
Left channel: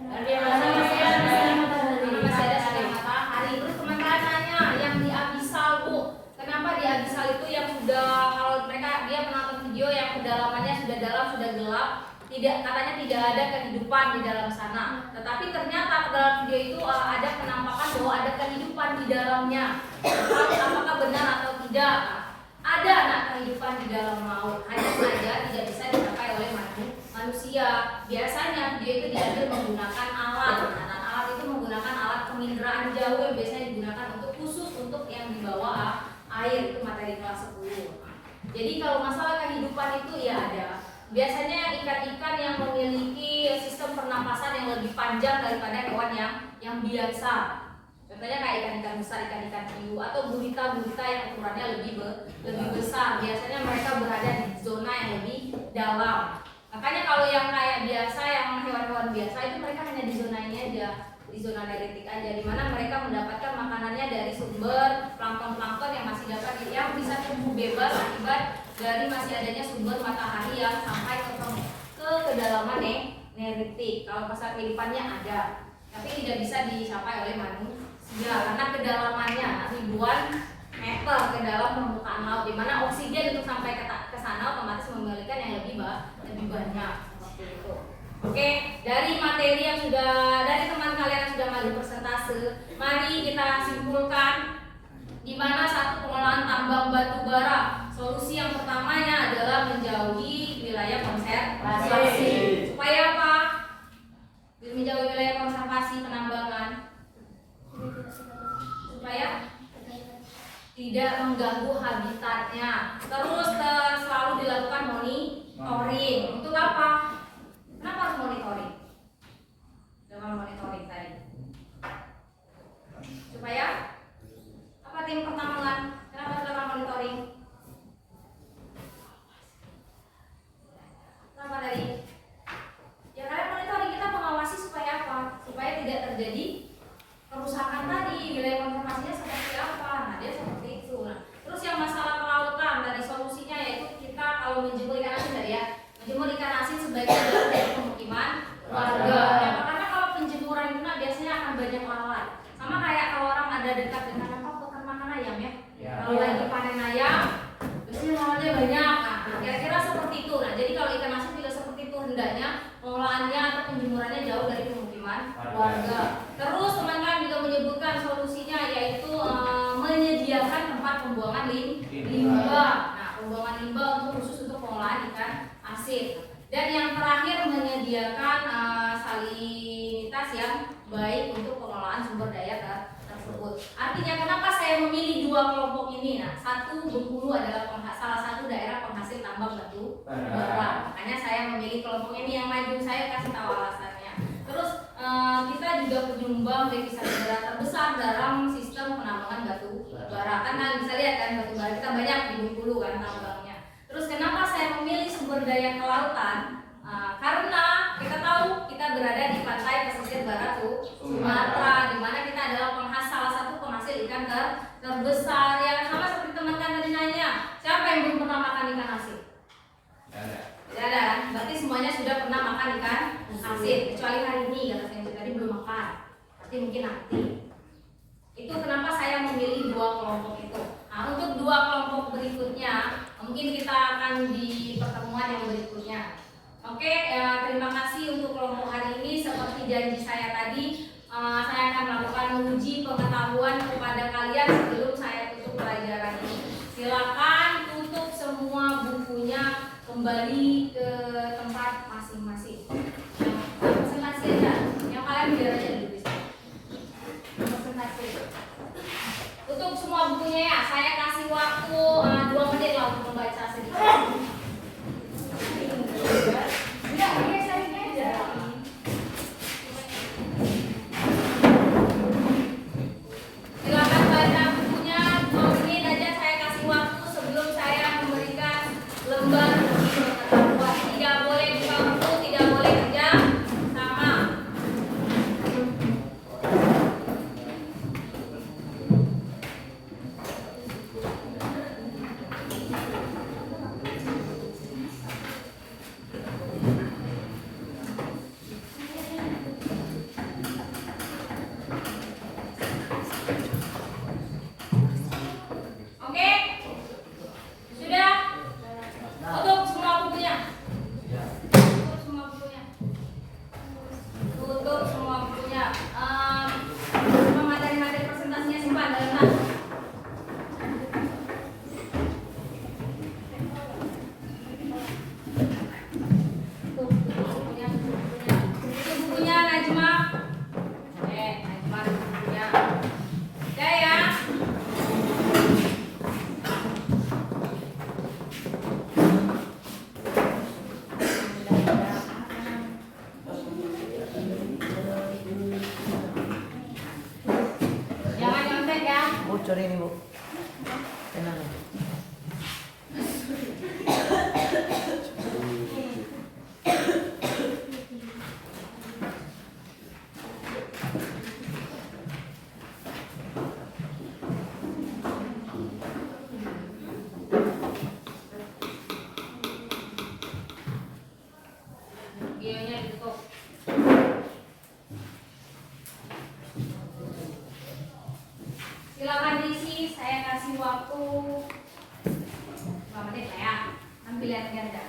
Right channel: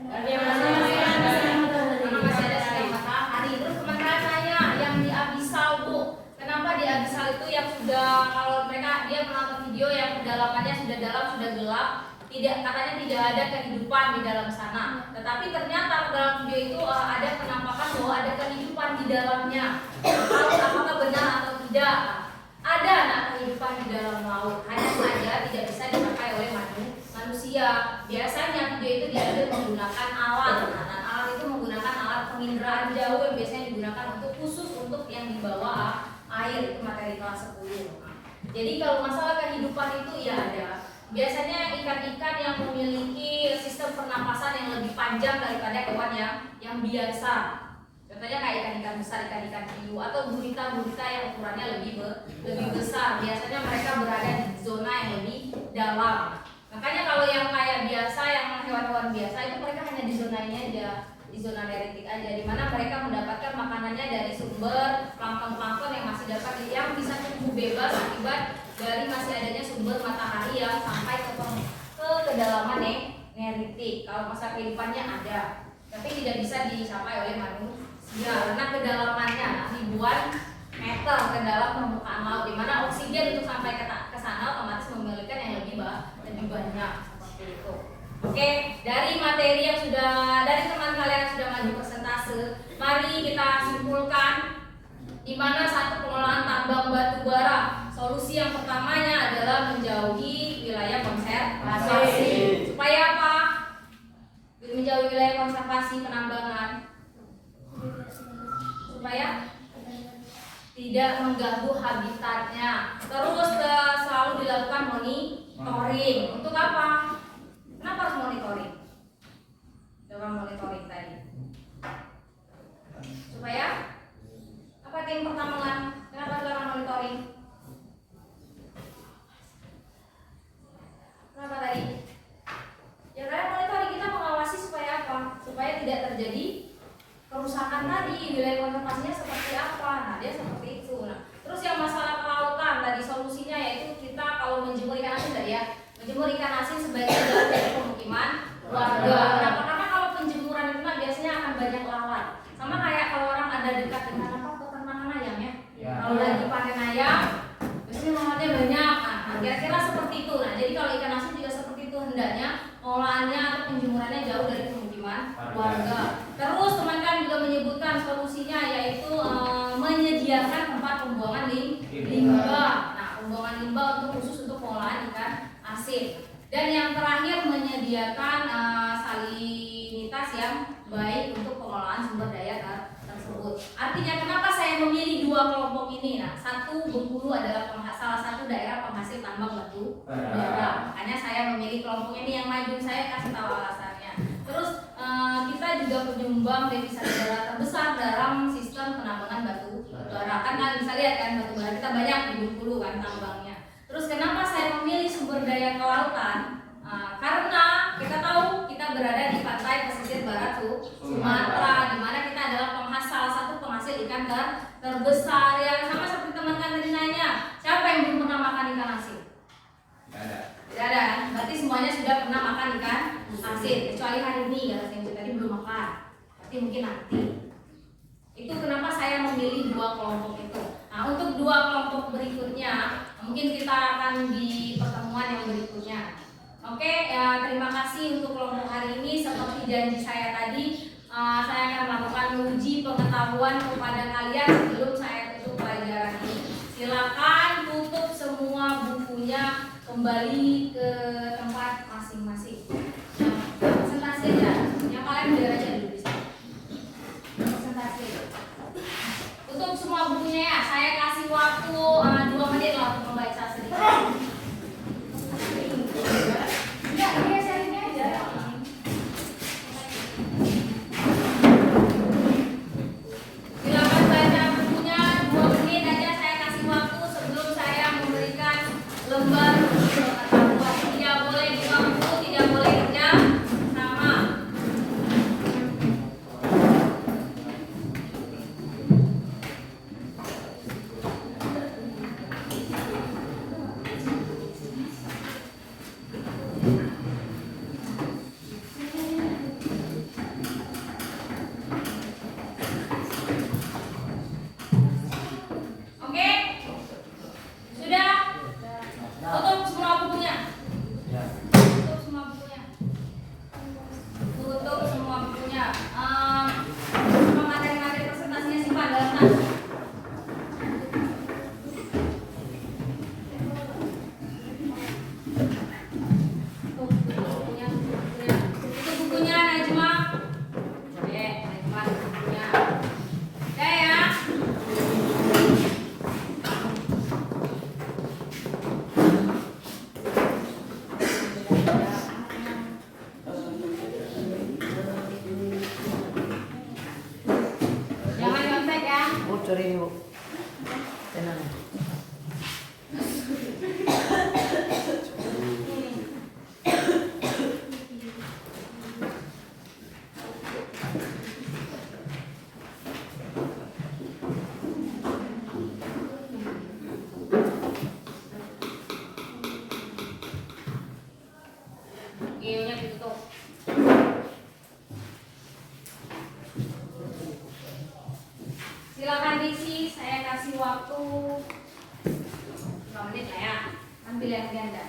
Karena masih ada sinar matahari. Terus teman-teman tanya yang di abisal, Bu. Kenapa di abisal itu yang sudah, kalau mereka dia menonton video yang kedalamannya sudah dalam, sudah gelap, katanya tidak ada kehidupan di dalam sana. Tetapi ternyata dalam video itu ada penampakan bahwa ada kehidupan di dalamnya. Apakah benar atau tidak? Ada kehidupan di dalam laut. Hanya saja tidak bisa dicapai oleh manusia. Biasanya video itu diambil menggunakan alat. Dan alat itu menggunakan alat penginderaan jauh yang biasanya digunakan untuk khusus untuk yang di bawah air, itu materi kelas 10. Jadi kalau masalah kehidupan itu ya ada. Biasanya ikan-ikan yang memiliki sistem pernapasan yang lebih panjang daripada hewan yang biasa. Contohnya kayak ikan-ikan besar, ikan-ikan hiu, atau gurita-gurita yang ukurannya lebih besar. Biasanya mereka berada di zona yang lebih dalam. Makanya kalau yang kayak biasa, yang hewan-hewan biasa itu mereka hanya di zona ini aja, di zona neritik aja, di mana mereka mendapatkan makanannya dari sumber plankton-plankton yang masih dapat yang bisa tumbuh bebas akibat dari masih adanya sumber matahari yang sampai ke kedalaman neritik. Kalau masa kehidupannya ada, tapi tidak bisa dicapai oleh manusia karena kedalamannya ribuan meter ke dalam permukaan laut, di mana oksigen untuk sampai ke sana otomatis memiliki yang lebih banyak seperti itu. Oke, dari materi yang sudah dari teman kalian yang sudah maju persentase, mari kita simpulkan di mana satu pengelolaan tambang batu bara. Solusi yang pertamanya adalah menjauhi wilayah konservasi. Supaya apa? Menjauhi wilayah konservasi penambangan. Supaya tidak mengganggu habitatnya. Terus selalu dilakukan monitoring. Untuk apa? Kenapa harus monitoring? Dengan monitoring tadi. Supaya apa tim pertambangan? Kenapa sekarang monitoring? Kenapa tadi? Ya karena monitoring kita mengawasi supaya apa? Supaya tidak terjadi kerusakan tadi, wilayah konservasinya seperti apa. Nah, dia seperti itu. Nah, terus yang masalah kelautan tadi solusinya yaitu kita kalau menjemur ikan asin tadi ya, menjemur ikan asin sebaiknya dari pemukiman warga. Nah, karena kalau penjemuran itu biasanya akan banyak lalat. Sama kayak kalau orang ada dekat dengan peternakan ayam ya. Kalau lagi panen ayam, biasanya lalatnya banyak. Nah, kira-kira seperti itu. Nah, jadi kalau ikan asin juga seperti itu, hendaknya pengolahannya atau penjemurannya jauh dari pemukiman warga. Terus teman-teman juga menyebutkan solusinya yaitu menyediakan tempat pembuangan limbah. Nah, pembuangan limbah khusus untuk pengolahan ikan asin. Dan yang terakhir menyediakan salinitas yang baik untuk pengolahan sumber daya tersebut. Artinya kenapa saya memilih dua kelompok ini? Nah, satu Bengkulu adalah salah satu daerah penghasil tambang batu bara. Makanya saya memilih kelompok ini yang maju. Saya kasih tahu alasannya. Terus kita juga penyumbang devisa negara terbesar dalam sistem penambangan batu bara. Kan bisa lihat kan batu bara kita banyak di Bengkulu kan tambangnya. Terus kenapa saya memilih sumber daya kelautan? Karena kita tahu kita berada di pantai pesisir barat Sumatera, di mana kita adalah salah satu penghasil ikan terbesar. Yang sama seperti teman-teman tadi nanya, siapa yang belum pernah makan ikan asin? Tidak ada. Berarti semuanya sudah pernah makan ikan asin, kecuali hari ini kalau saya tadi belum makan. Berarti mungkin nanti. Itu kenapa saya memilih dua kelompok itu. Nah, untuk dua kelompok berikutnya, mungkin kita akan di pertemuan yang berikutnya. Oke, terima kasih untuk kelompok hari ini. Seperti janji saya tadi, saya akan melakukan uji pengetahuan kepada kalian sebelum saya tutup pelajaran ini. Silakan tutup semua bukunya, kembali ke tempat masing-masing. Presentasi aja, yang kalian biar aja dulu di sini. Presentasi. Tutup semua bukunya ya. Saya kasih waktu 2 menit lah untuk membaca sedikit. Enggak, saya ini aja. Silakan baca bukunya 2 menit aja. Saya kasih waktu sebelum saya memberikan lembar pengetahuan. Tidak boleh buka buku, tidak boleh kerja sama. Bu, curi ini Bu. Penanya. Videonya ditutup. Silakan diisi, saya kasih waktu 5 menit lah ya. Ambil yang ganda.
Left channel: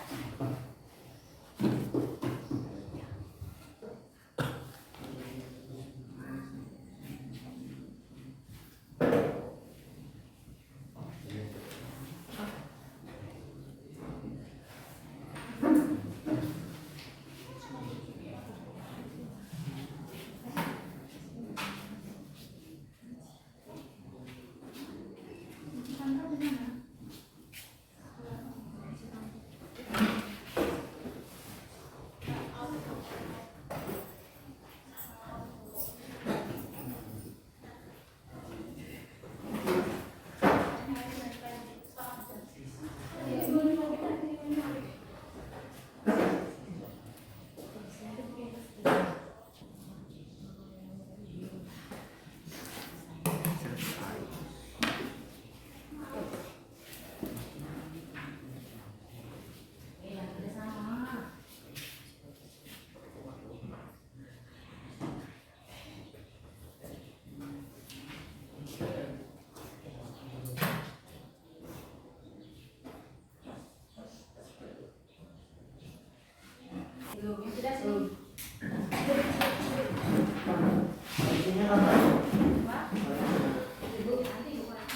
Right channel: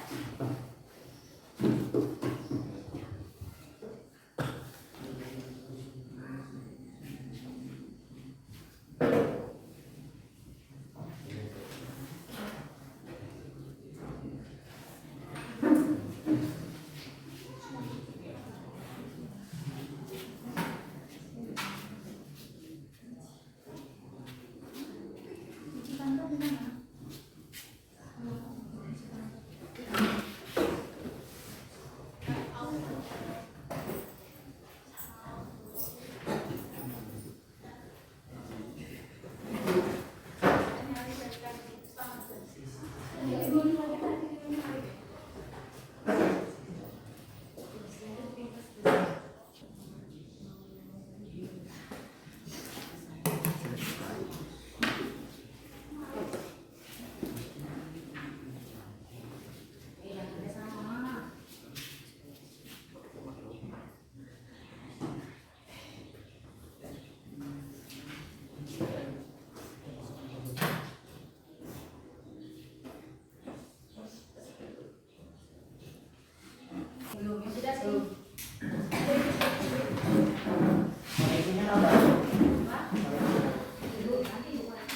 Belum, ya sudah sih. Isinya nomor. Ibu, nanti dikurang.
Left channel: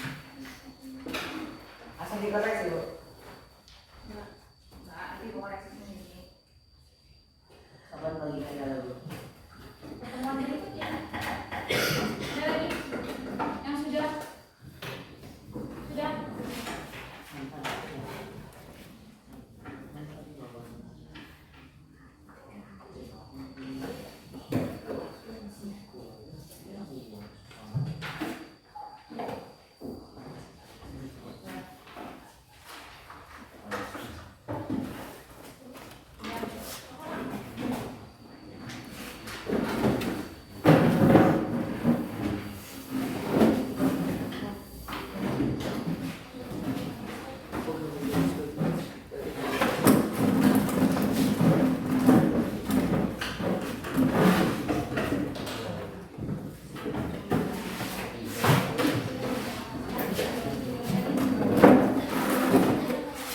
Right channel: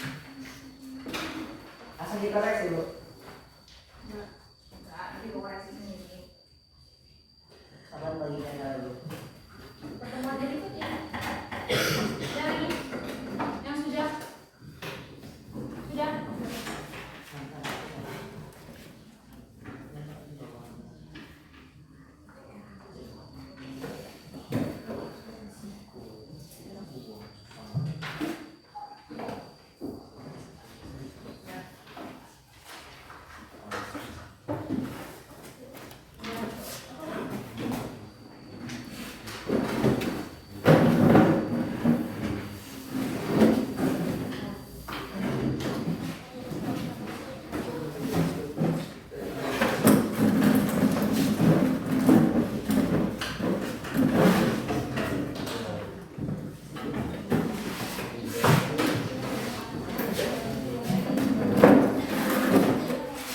Asal dikoreksi Bu. Nah, nanti dikoreksi sendiri. Kapan bagikan dulu? Pertemuan berikutnya. Ada lagi? Yang sudah? Sudah?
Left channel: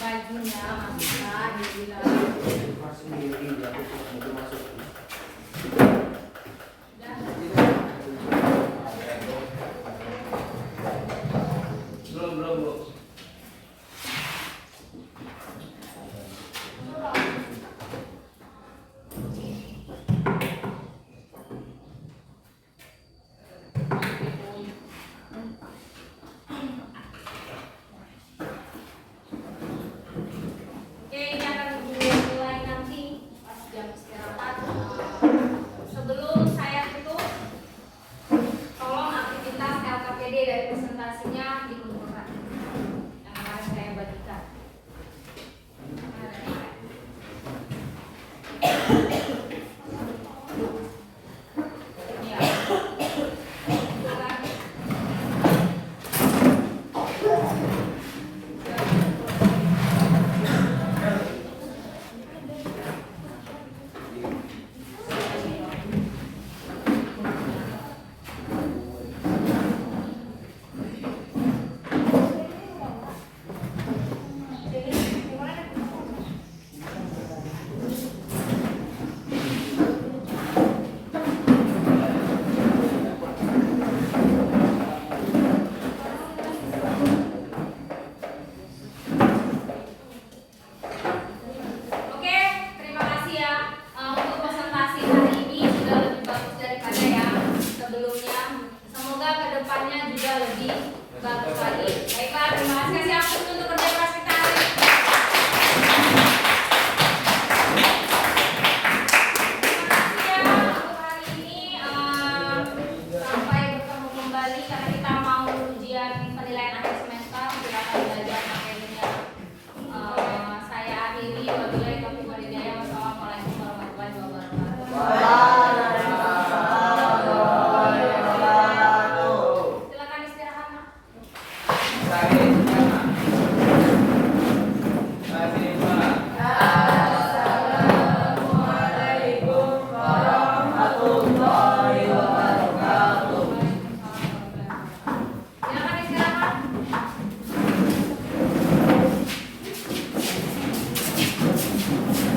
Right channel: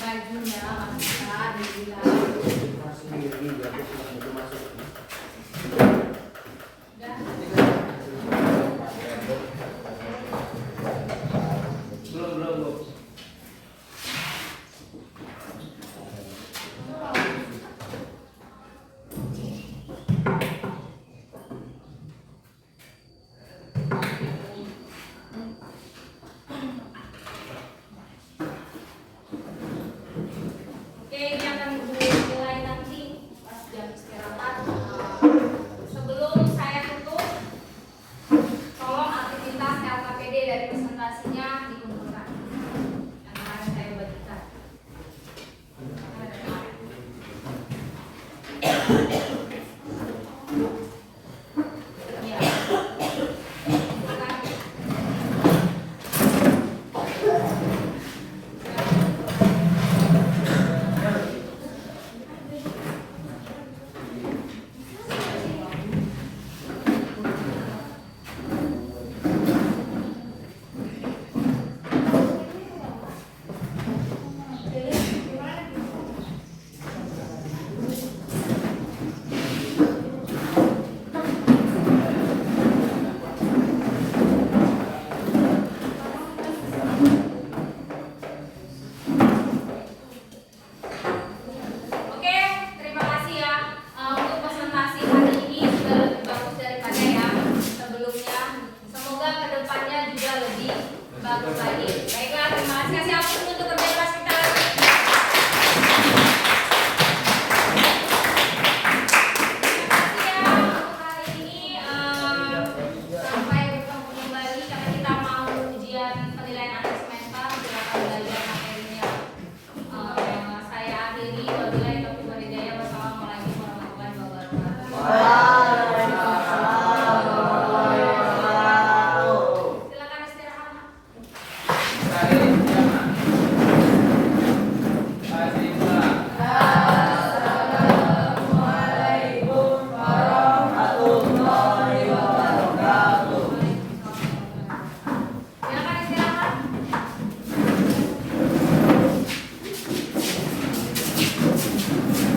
Bajunya masukkan, dibilang. Belum Bu. Oke, ini akan dimulai nanti pas jam istirahat. Sebelum saya tutup, tolong aktivitas LKPD dari presentasinya dikumpulkan. Yang kemarin saya bagikan. Oke, terima kasih ya. Untuk presentasi hari ini sudah lebih bagus daripada yang sebelumnya. Semoga kedepannya juga lebih bagus lagi. Baiklah, terima kasih. Kasih aplaus untuk kerja keras kita. Terima kasih ya untuk hari ini. Sampai bertemu kembali karena kita mau ujian Amin.